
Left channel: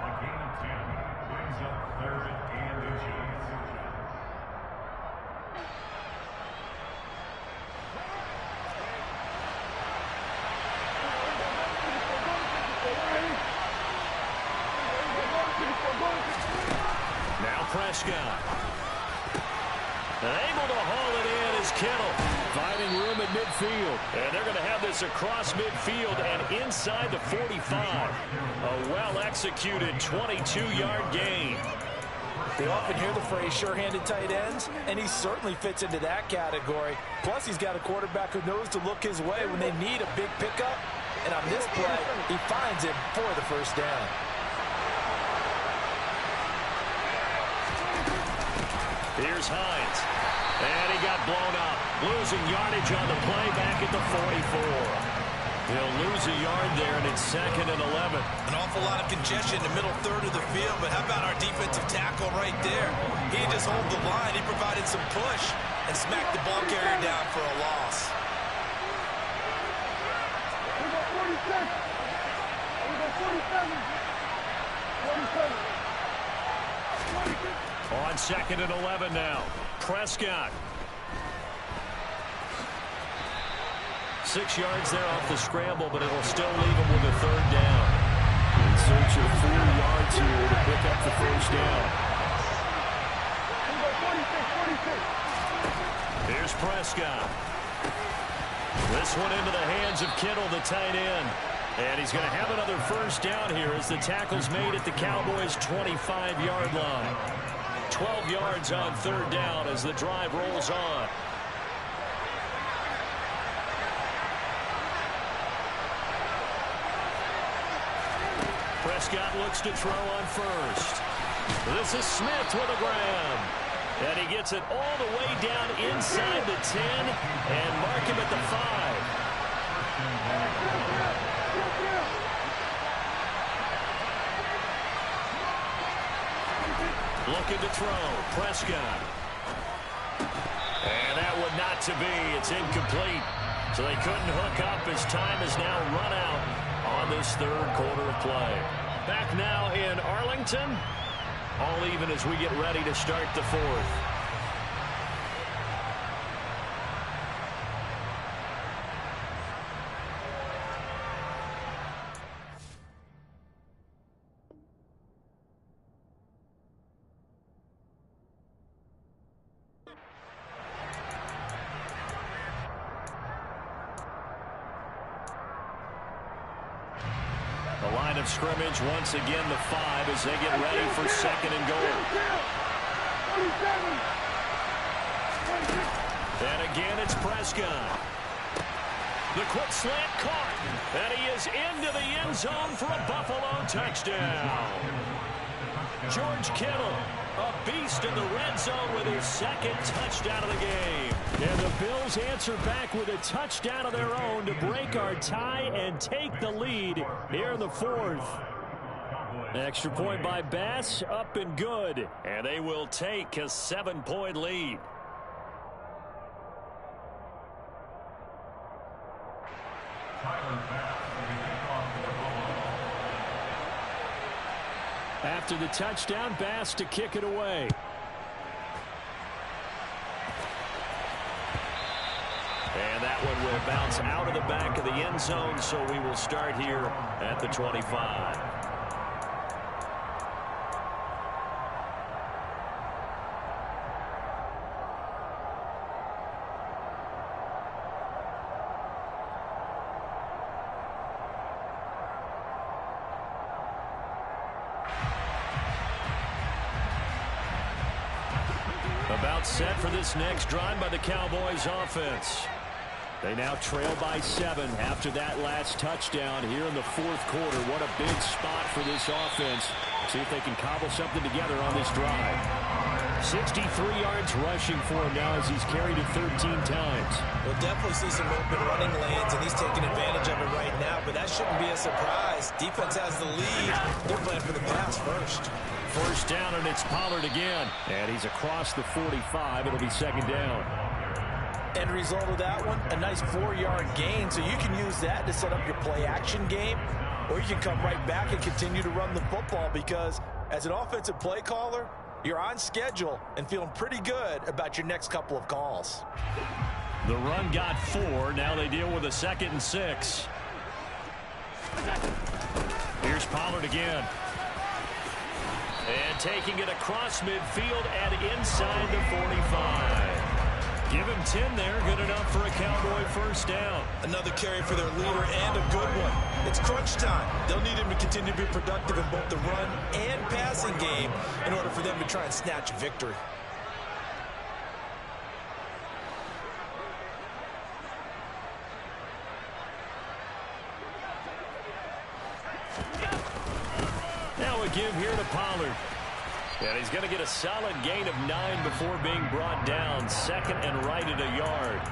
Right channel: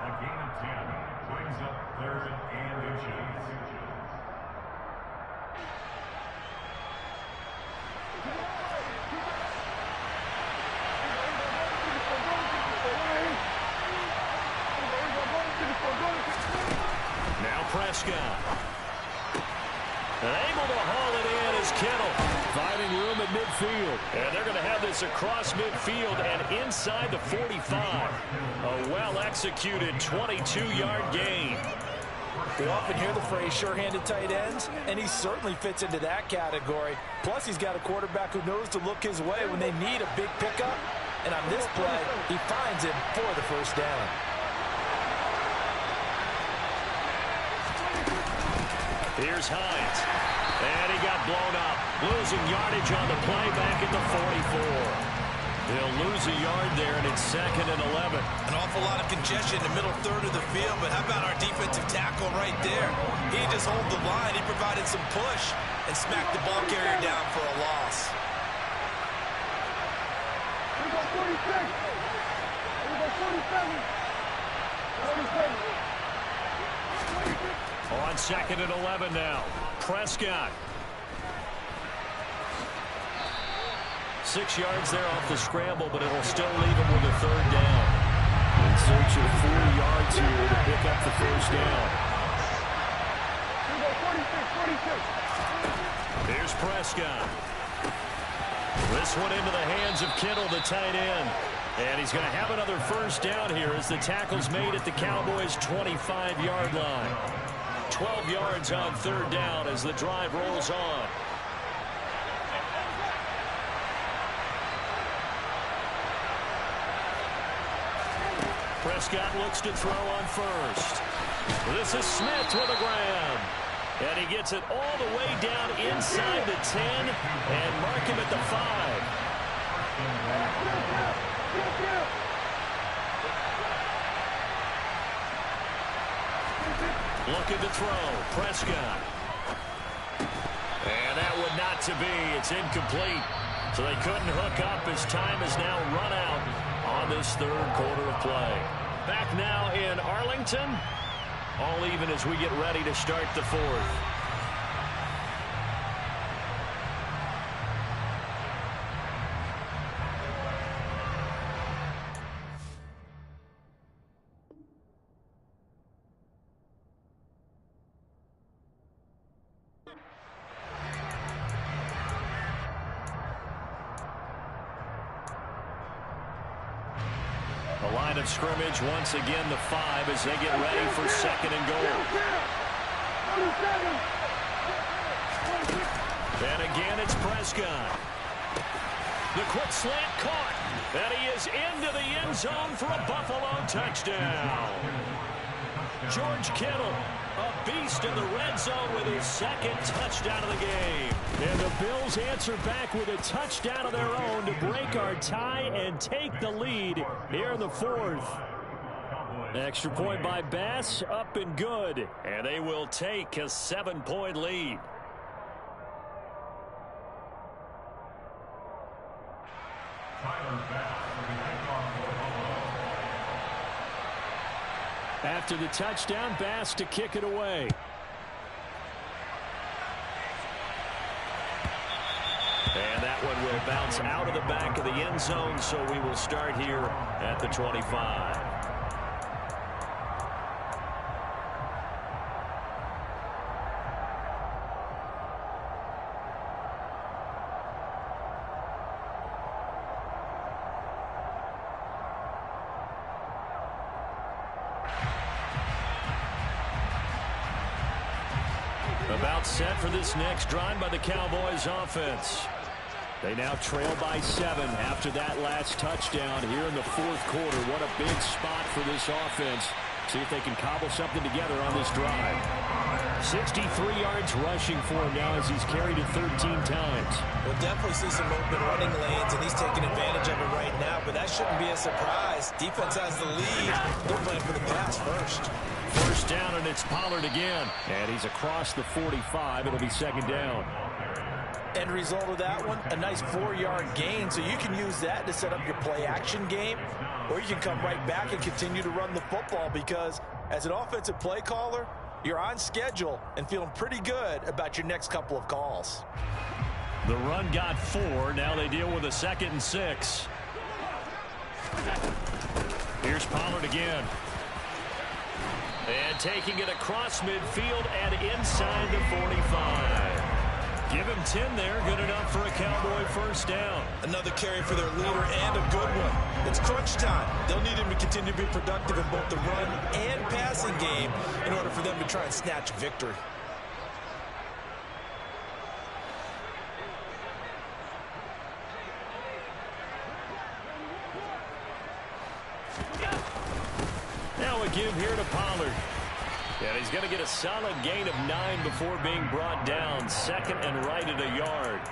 A gain of 10 brings up third and inches. Now Prescott. And able to haul it in is Kittle. Finding room at midfield. And they're going to have this across midfield and inside the 45. A well-executed 22-yard gain. We often hear the phrase sure-handed tight ends, and he certainly fits into that category. Plus, he's got a quarterback who knows to look his way when they need a big pickup. And on this play, he finds him for the first down. Here's Hines. And he got blown up. Losing yardage on the play back at the 44. He'll lose a yard there, and it's 2nd and 11. An awful lot of congestion in the middle third of the field, but how about our defensive tackle right there? He didn't just hold the line. He provided some push and smacked the ball carrier down for a loss. We go 46. We go 47. 47. On 2nd and 11 now. Prescott. 6 yards there off the scramble, but it'll still leave him with a third down. In search of 4 yards here to pick up the first down. We go 46, 46. Here's Prescott. This one into the hands of Kittle, the tight end. And he's going to have another first down here as the tackle's made at the Cowboys' 25-yard line. 12 yards on third down as the drive rolls on. Prescott looks to throw on first. This is Smith with a grab. And he gets it all the way down inside the 10 and mark him at the 5. Looking to throw. Prescott. And that would not to be. It's incomplete. So they couldn't hook up as time is now run out on this third quarter of play. Back now in Arlington. All even as we get ready to start the fourth. The line of scrimmage once again the 5 as they get ready for 2nd and goal. And again it's Prescott. The quick slant caught. And he is into the end zone for a Buffalo touchdown. George Kittle, a beast in the red zone with his 2nd touchdown of the game. And the Bills answer back with a touchdown of their own to break our tie and take the lead here in the 4th. Extra point by Bass, up and good. And they will take a 7-point lead. Tyler Bass will be kicked off for Buffalo. After the touchdown, Bass to kick it away. And that one will bounce out of the back of the end zone, so we will start here at the 25. About set for this next drive by the Cowboys offense. They now trail by 7 after that last touchdown here in the 4th quarter. What a big spot for this offense. See if they can cobble something together on this drive. 63 yards rushing for him now as he's carried it 13 times. We'll definitely see some open running lanes, and he's taking advantage of it right now, but that shouldn't be a surprise. Defense has the lead. They're playing for the pass first. First down, and it's Pollard again. And he's across the 45. It'll be 2nd down. End result of that one, a nice 4-yard gain, so you can use that to set up your play-action game, or you can come right back and continue to run the football because as an offensive play caller, you're on schedule and feeling pretty good about your next couple of calls. The run got 4. Now they deal with a 2nd and 6. Here's Pollard again. And taking it across midfield and inside the 45. Give him 10 there. Good enough for a Cowboy first down. Another carry for their leader and a good one. It's crunch time. They'll need him to continue to be productive in both the run and passing game in order for them to try and snatch victory. Now a give here to Pollard. And he's going to get a solid gain of 9 before being brought down. 2nd and right at a yard.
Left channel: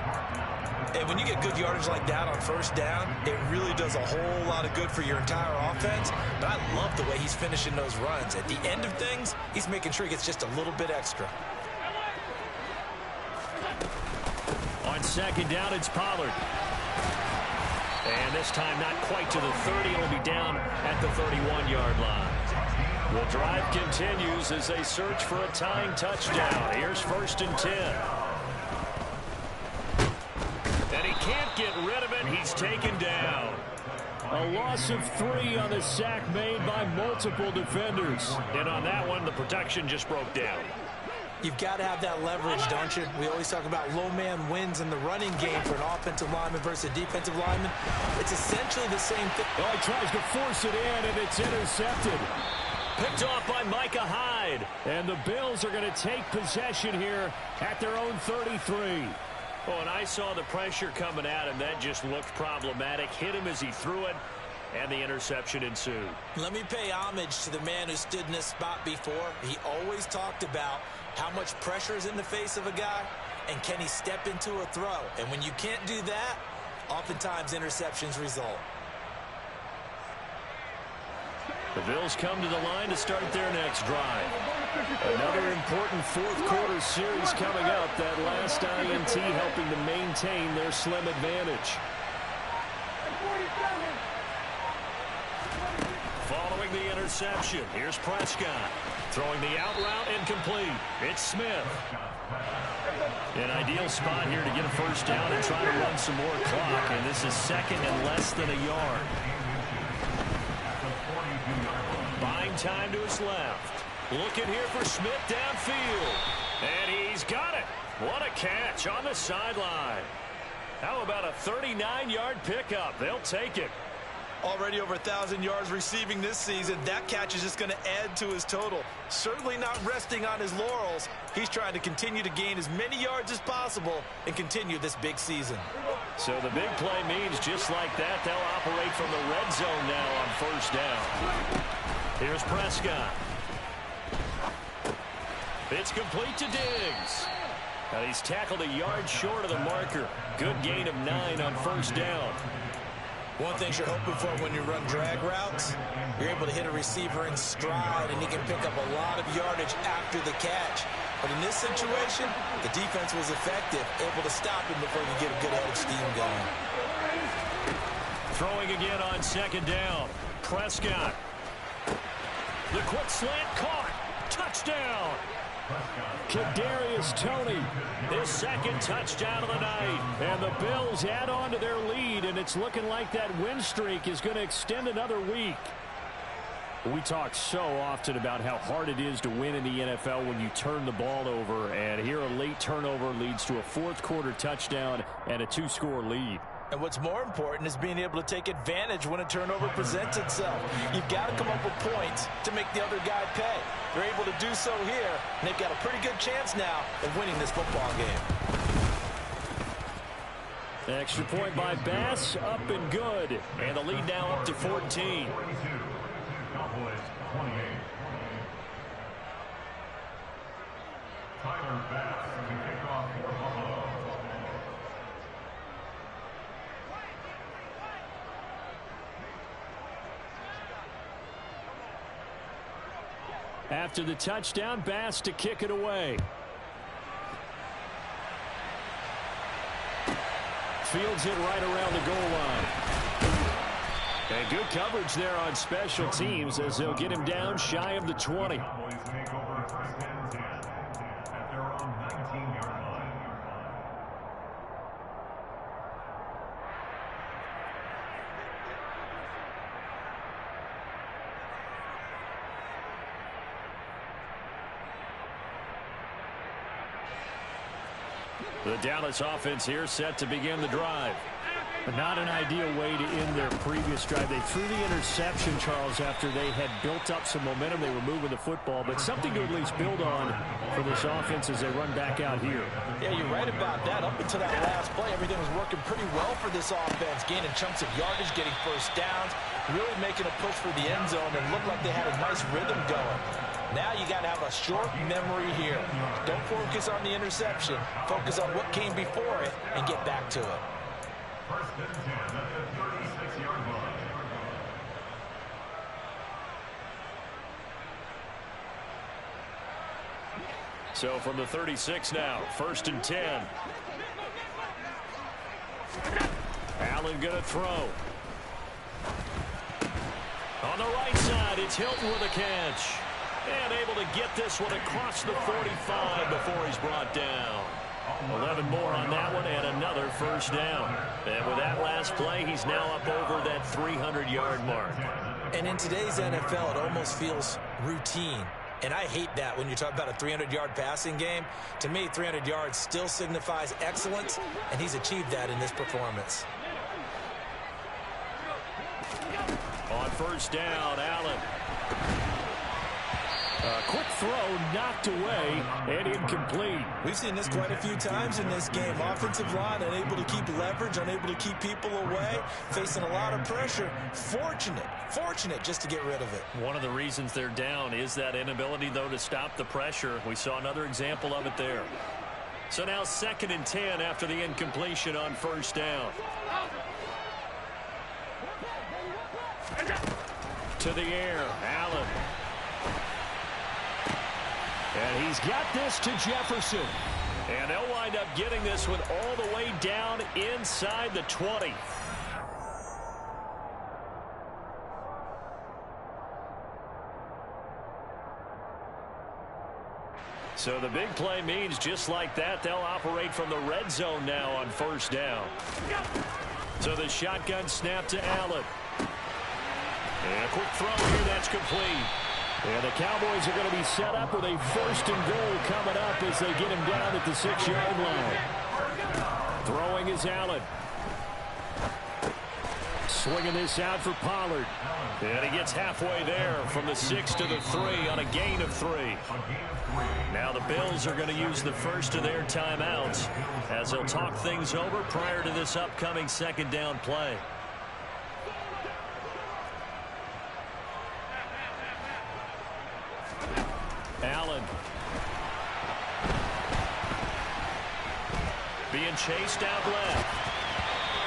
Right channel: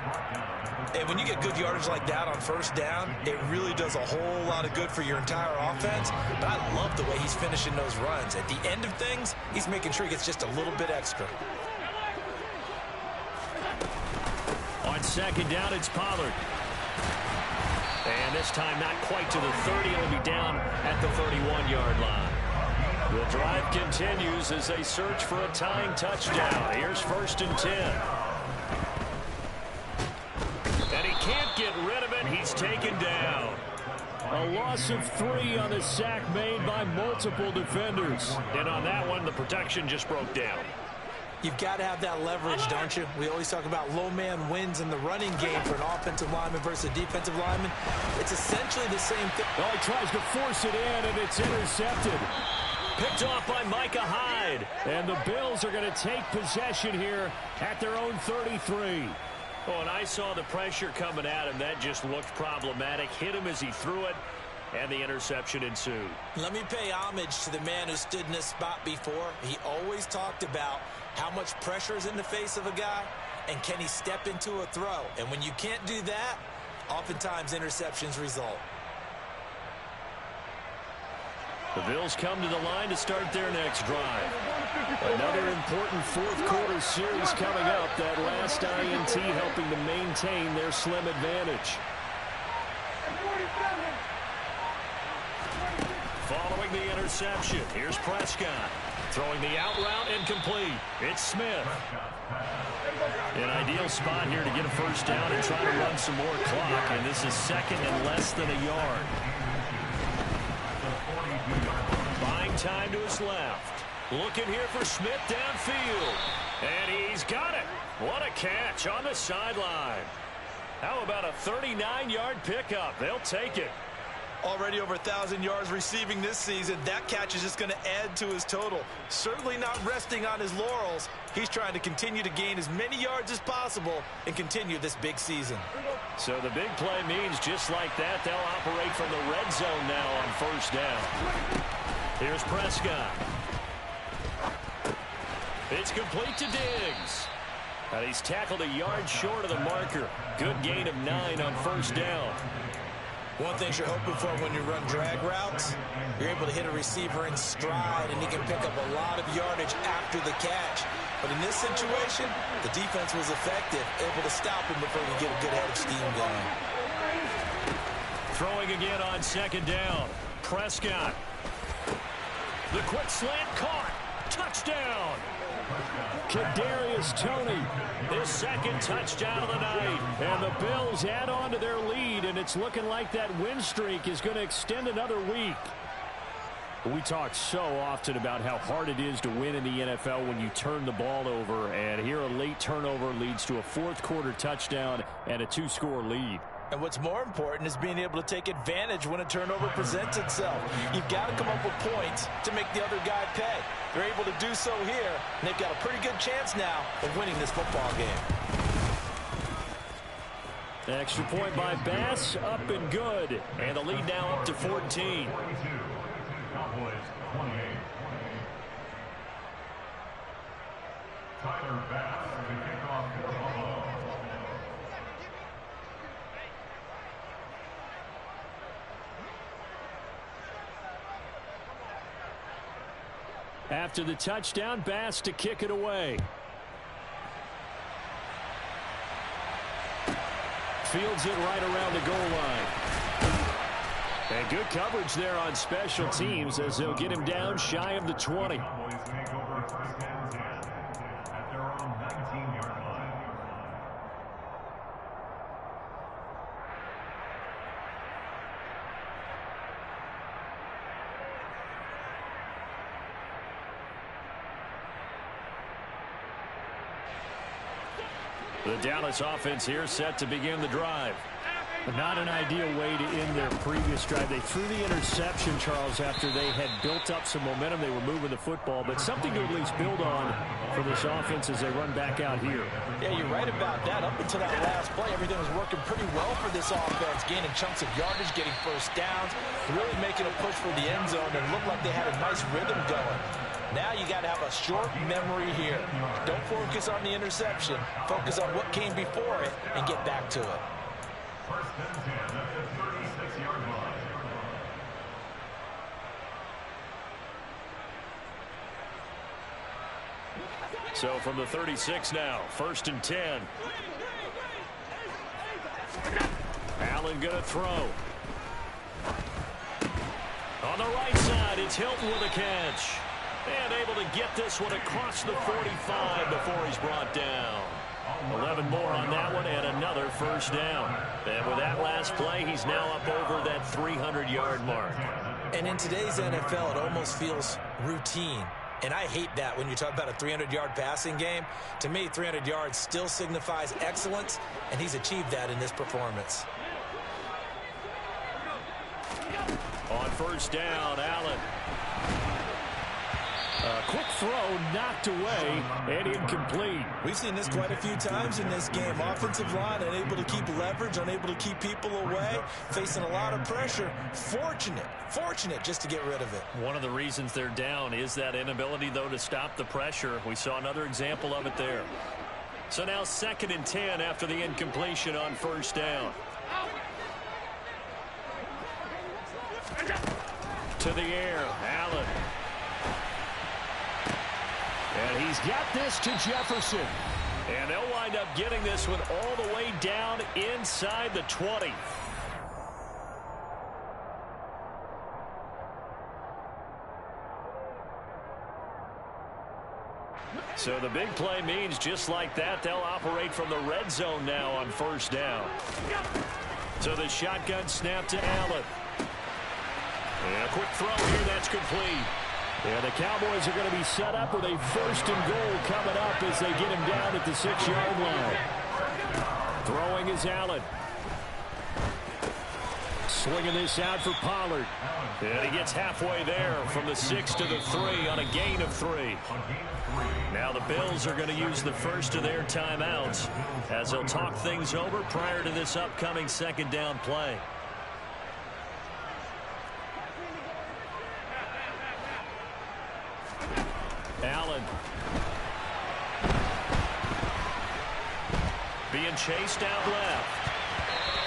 And when you get good yardage like that on first down, it really does a whole lot of good for your entire offense. But I love the way he's finishing those runs. At the end of things, he's making sure he gets just a little bit extra. On 2nd down, it's Pollard. And this time not quite to the 30. It'll be down at the 31-yard line. The drive continues as they search for a tying touchdown. Here's 1st and 10. And he can't get rid of it. He's taken down. A loss of 3 on the sack made by multiple defenders. And on that one, the protection just broke down. You've got to have that leverage, don't you? We always talk about low man wins in the running game for an offensive lineman versus a defensive lineman. It's essentially the same thing. Oh, he tries to force it in, and it's intercepted. Picked off by Micah Hyde. And the Bills are going to take possession here at their own 33. Oh, and I saw the pressure coming at him. That just looked problematic. Hit him as he threw it, and the interception ensued. Let me pay homage to the man who stood in this spot before. He always talked about how much pressure is in the face of a guy, and can he step into a throw? And when you can't do that, oftentimes interceptions result. The Bills come to the line to start their next drive. Another important 4th quarter series coming up. That last INT helping to maintain their slim advantage. Following the interception, here's Prescott. Throwing the out route incomplete. It's Smith. An ideal spot here to get a first down and try to run some more clock. And this is 2nd and less than a yard. Buying time to his left. Looking here for Smith downfield. And he's got it. What a catch on the sideline. How about a 39-yard pickup? They'll take it. Already over 1,000 yards receiving this season. That catch is just going to add to his total. Certainly not resting on his laurels. He's trying to continue to gain as many yards as possible and continue this big season. So the big play means just like that, they'll operate from the red zone now on first down. Here's Prescott. It's complete to Diggs. And he's tackled a yard short of the marker. Good gain of 9 on first down. One thing you're hoping for when you run drag routes, you're able to hit a receiver in stride, and he can pick up a lot of yardage after the catch. But in this situation, the defense was effective, able to stop him before he could get a good head of steam going. Throwing again on 2nd down. Prescott. The quick slant caught. Touchdown. Kadarius Toney, his 2nd touchdown of the night. And the Bills add on to their lead, and it's looking like that win streak is going to extend another week. We talk so often about how hard it is to win in the NFL when you turn the ball over, and here a late turnover leads to a 4th quarter touchdown and a 2-score lead. And what's more important is being able to take advantage when a turnover presents itself. You've got to come up with points to make the other guy pay. They're able to do so here, and they've got a pretty good chance now of winning this football game. Extra point by Bass, up and good. And the lead now up to 14. Cowboys 28. Tyler Bass to kick off for Buffalo. After the touchdown, Bass to kick it away. fields it right around the goal line. And good coverage there on special teams as they'll get him down shy of the 20. Cowboys take over first and 10 at their own 19-yard line. The Dallas offense here set to begin the drive. But not an ideal way to end their previous drive. They threw the interception, Charles, after they had built up some momentum. They were moving the football, but something to at least build on for this offense as they run back out here. Yeah, you're right about that. Up until that last play, everything was working pretty well for this offense, gaining chunks of yardage, getting first downs, really making a push for the end zone, and looked like they had a nice rhythm going. Now you got to have a short memory here. Don't focus on the interception. Focus on what came before it and get back to it. First and 10 at the 36-yard line. So from the 36 now, first and 10. Allen going to throw. On the right side, it's Hilton with a catch. And able to get this one across the 45 before he's brought down. 11 more on that one and another first down. And with that last play, he's now up over that 300-yard mark. And in today's NFL, it almost feels routine. And I hate that when you talk about a 300-yard passing game. To me, 300 yards still signifies excellence, and he's achieved that in this performance. On first down, Allen. A quick throw knocked away and incomplete. We've seen this quite a few times in this game. Offensive line unable to keep leverage, unable to keep people away, facing a lot of pressure. Fortunate just to get rid of it. One of the reasons they're down is that inability, though, to stop the pressure. We saw another example of it there. So now second and 10 after the incompletion on first down. To the air, Allen. And he's got this to Jefferson. And they'll wind up getting this one all the way down inside the 20. So the big play means just like that, they'll operate from the red zone now on first down. So the shotgun snap to Allen. And a quick throw here, that's complete. And the Cowboys are going to be set up with a first and goal coming up as they get him down at the 6-yard line. Throwing is Allen. Swinging this out for Pollard. And he gets halfway there from the 6 to the 3 on a gain of 3. Now the Bills are going to use the first of their timeouts as they'll talk things over prior to this upcoming second down play. Allen. Being chased out left.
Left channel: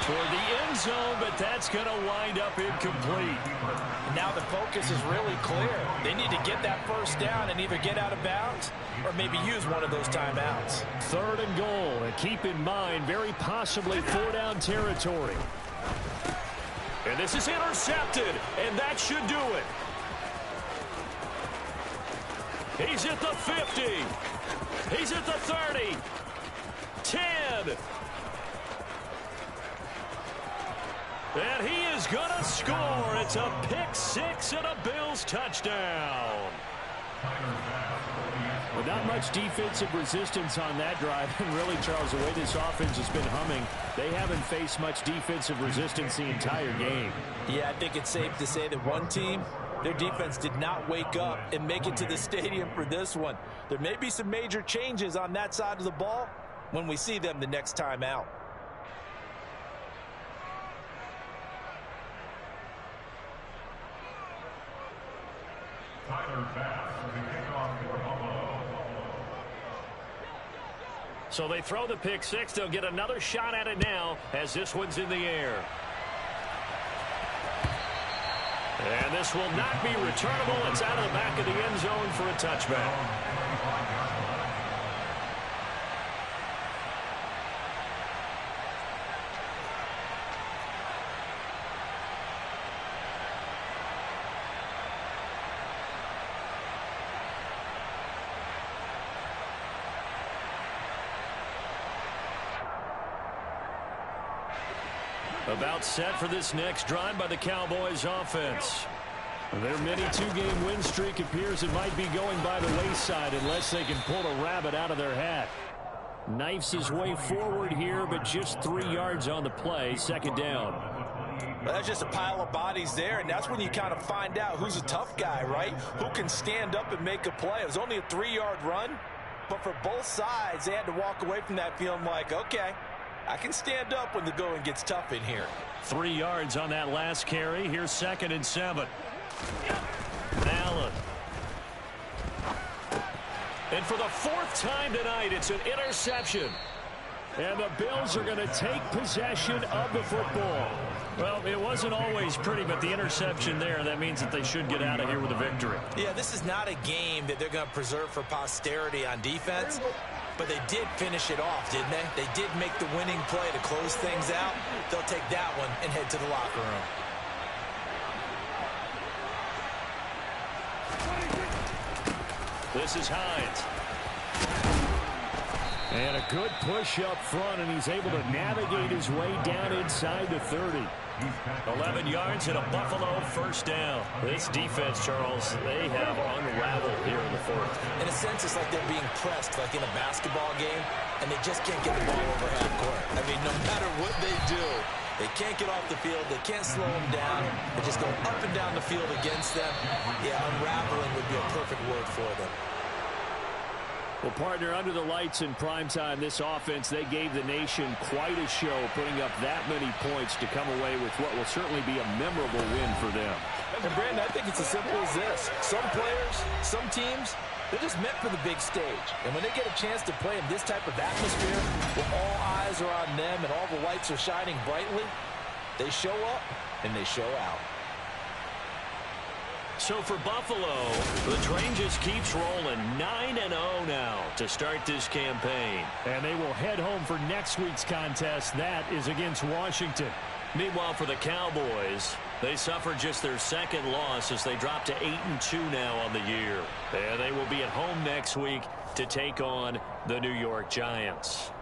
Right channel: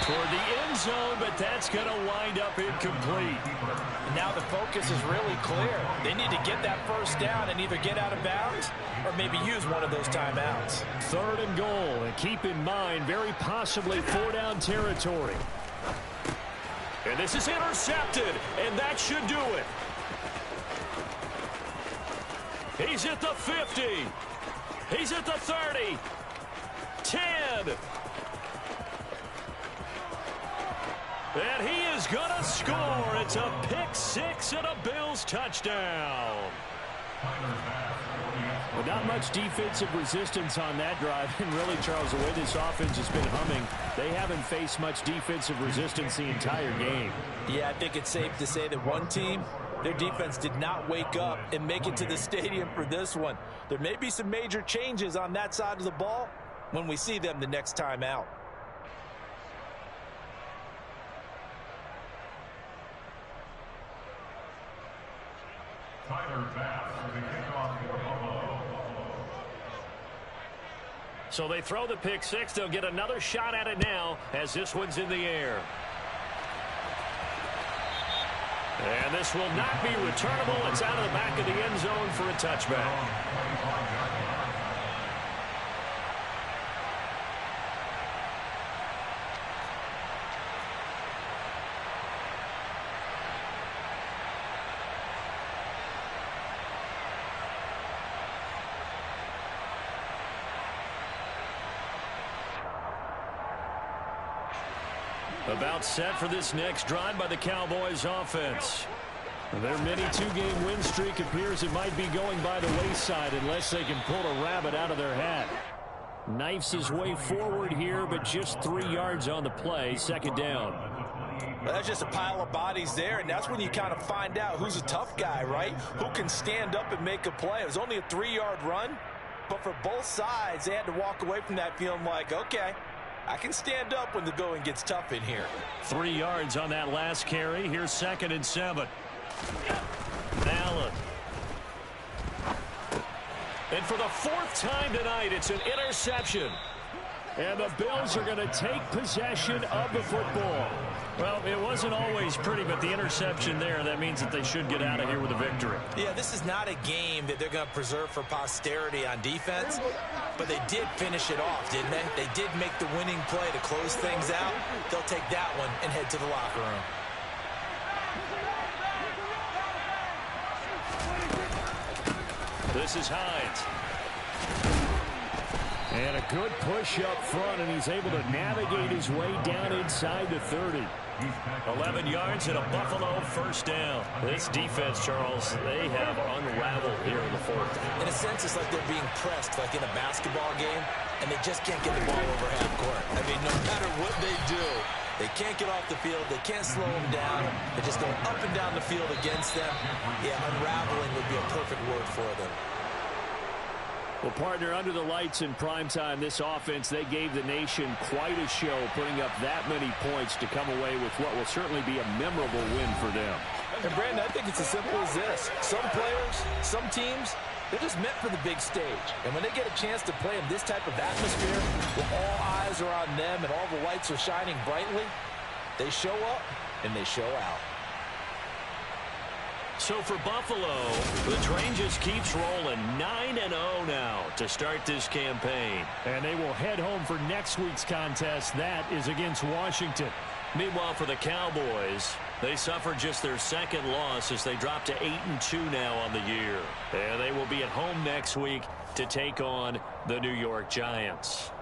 Toward the end zone, but that's going to wind up incomplete. And now the focus is really clear. They need to get that first down and either get out of bounds or maybe use one of those timeouts. Third and goal, and keep in mind, very possibly 4-down territory. And this is intercepted, and that should do it. He's at the 50. He's at the 30. 10. And he is going to score. It's a pick six and a Bills touchdown. Well, not much defensive resistance on that drive. And really, Charles, the way this offense has been humming, they haven't faced much defensive resistance the entire game. Yeah, I think it's safe to say that one team, their defense did not wake up and make it to the stadium for this one. There may be some major changes on that side of the ball when we see them the next time out. Tyler Bass for the kickoff for Buffalo. So they throw the pick six. They'll get another shot at it now as this one's in the air. And this will not be returnable. It's out of the back of the end zone for a touchback. About set for this next drive by the Cowboys offense. Their mini two-game win streak appears it might be going by the wayside unless they can pull a rabbit out of their hat. Knifes his way forward here, but just 3 yards on the play. Second down. Well, that's just a pile of bodies there, and that's when you kind of find out who's a tough guy, right? Who can stand up and make a play. It was only a 3-yard run, but for both sides, they had to walk away from that feeling like, okay, I can stand up when the going gets tough in here. 3 yards on that last carry. Here's 2nd and 7. Allen. And for the 4th time tonight, it's an interception. And the Bills are going to take possession of the football. Well, it wasn't always pretty, but the interception there, that means that they should get out of here with a victory. Yeah, this is not a game that they're going to preserve for posterity on defense, but they did finish it off, didn't they? They did make the winning play to close things out. They'll take that one and head to the locker room. This is Hines. And a good push up front, and he's able to navigate his way down inside the 30. 11 yards and a Buffalo first down. This defense, Charles, they have unraveled here in the 4th. In a sense, it's like they're being pressed, like in a basketball game, and they just can't get the ball over half court. I mean, no matter what they do, they can't get off the field. They can't slow them down. They're just going up and down the field against them. Yeah, unraveling would be a perfect word for them. Well, partner, under the lights in primetime, this offense, they gave the nation quite a show, putting up that many points to come away with what will certainly be a memorable win for them. And, Brandon, I think it's as simple as this. Some players, some teams, they're just meant for the big stage. And when they get a chance to play in this type of atmosphere, where all eyes are on them and all the lights are shining brightly, they show up and they show out. So for Buffalo, the train just keeps rolling. 9-0 now to start this campaign. And they will head home for next week's contest. That is against Washington. Meanwhile, for the Cowboys, they suffered just their 2nd loss as they drop to 8-2 now on the year. And they will be at home next week to take on the New York Giants.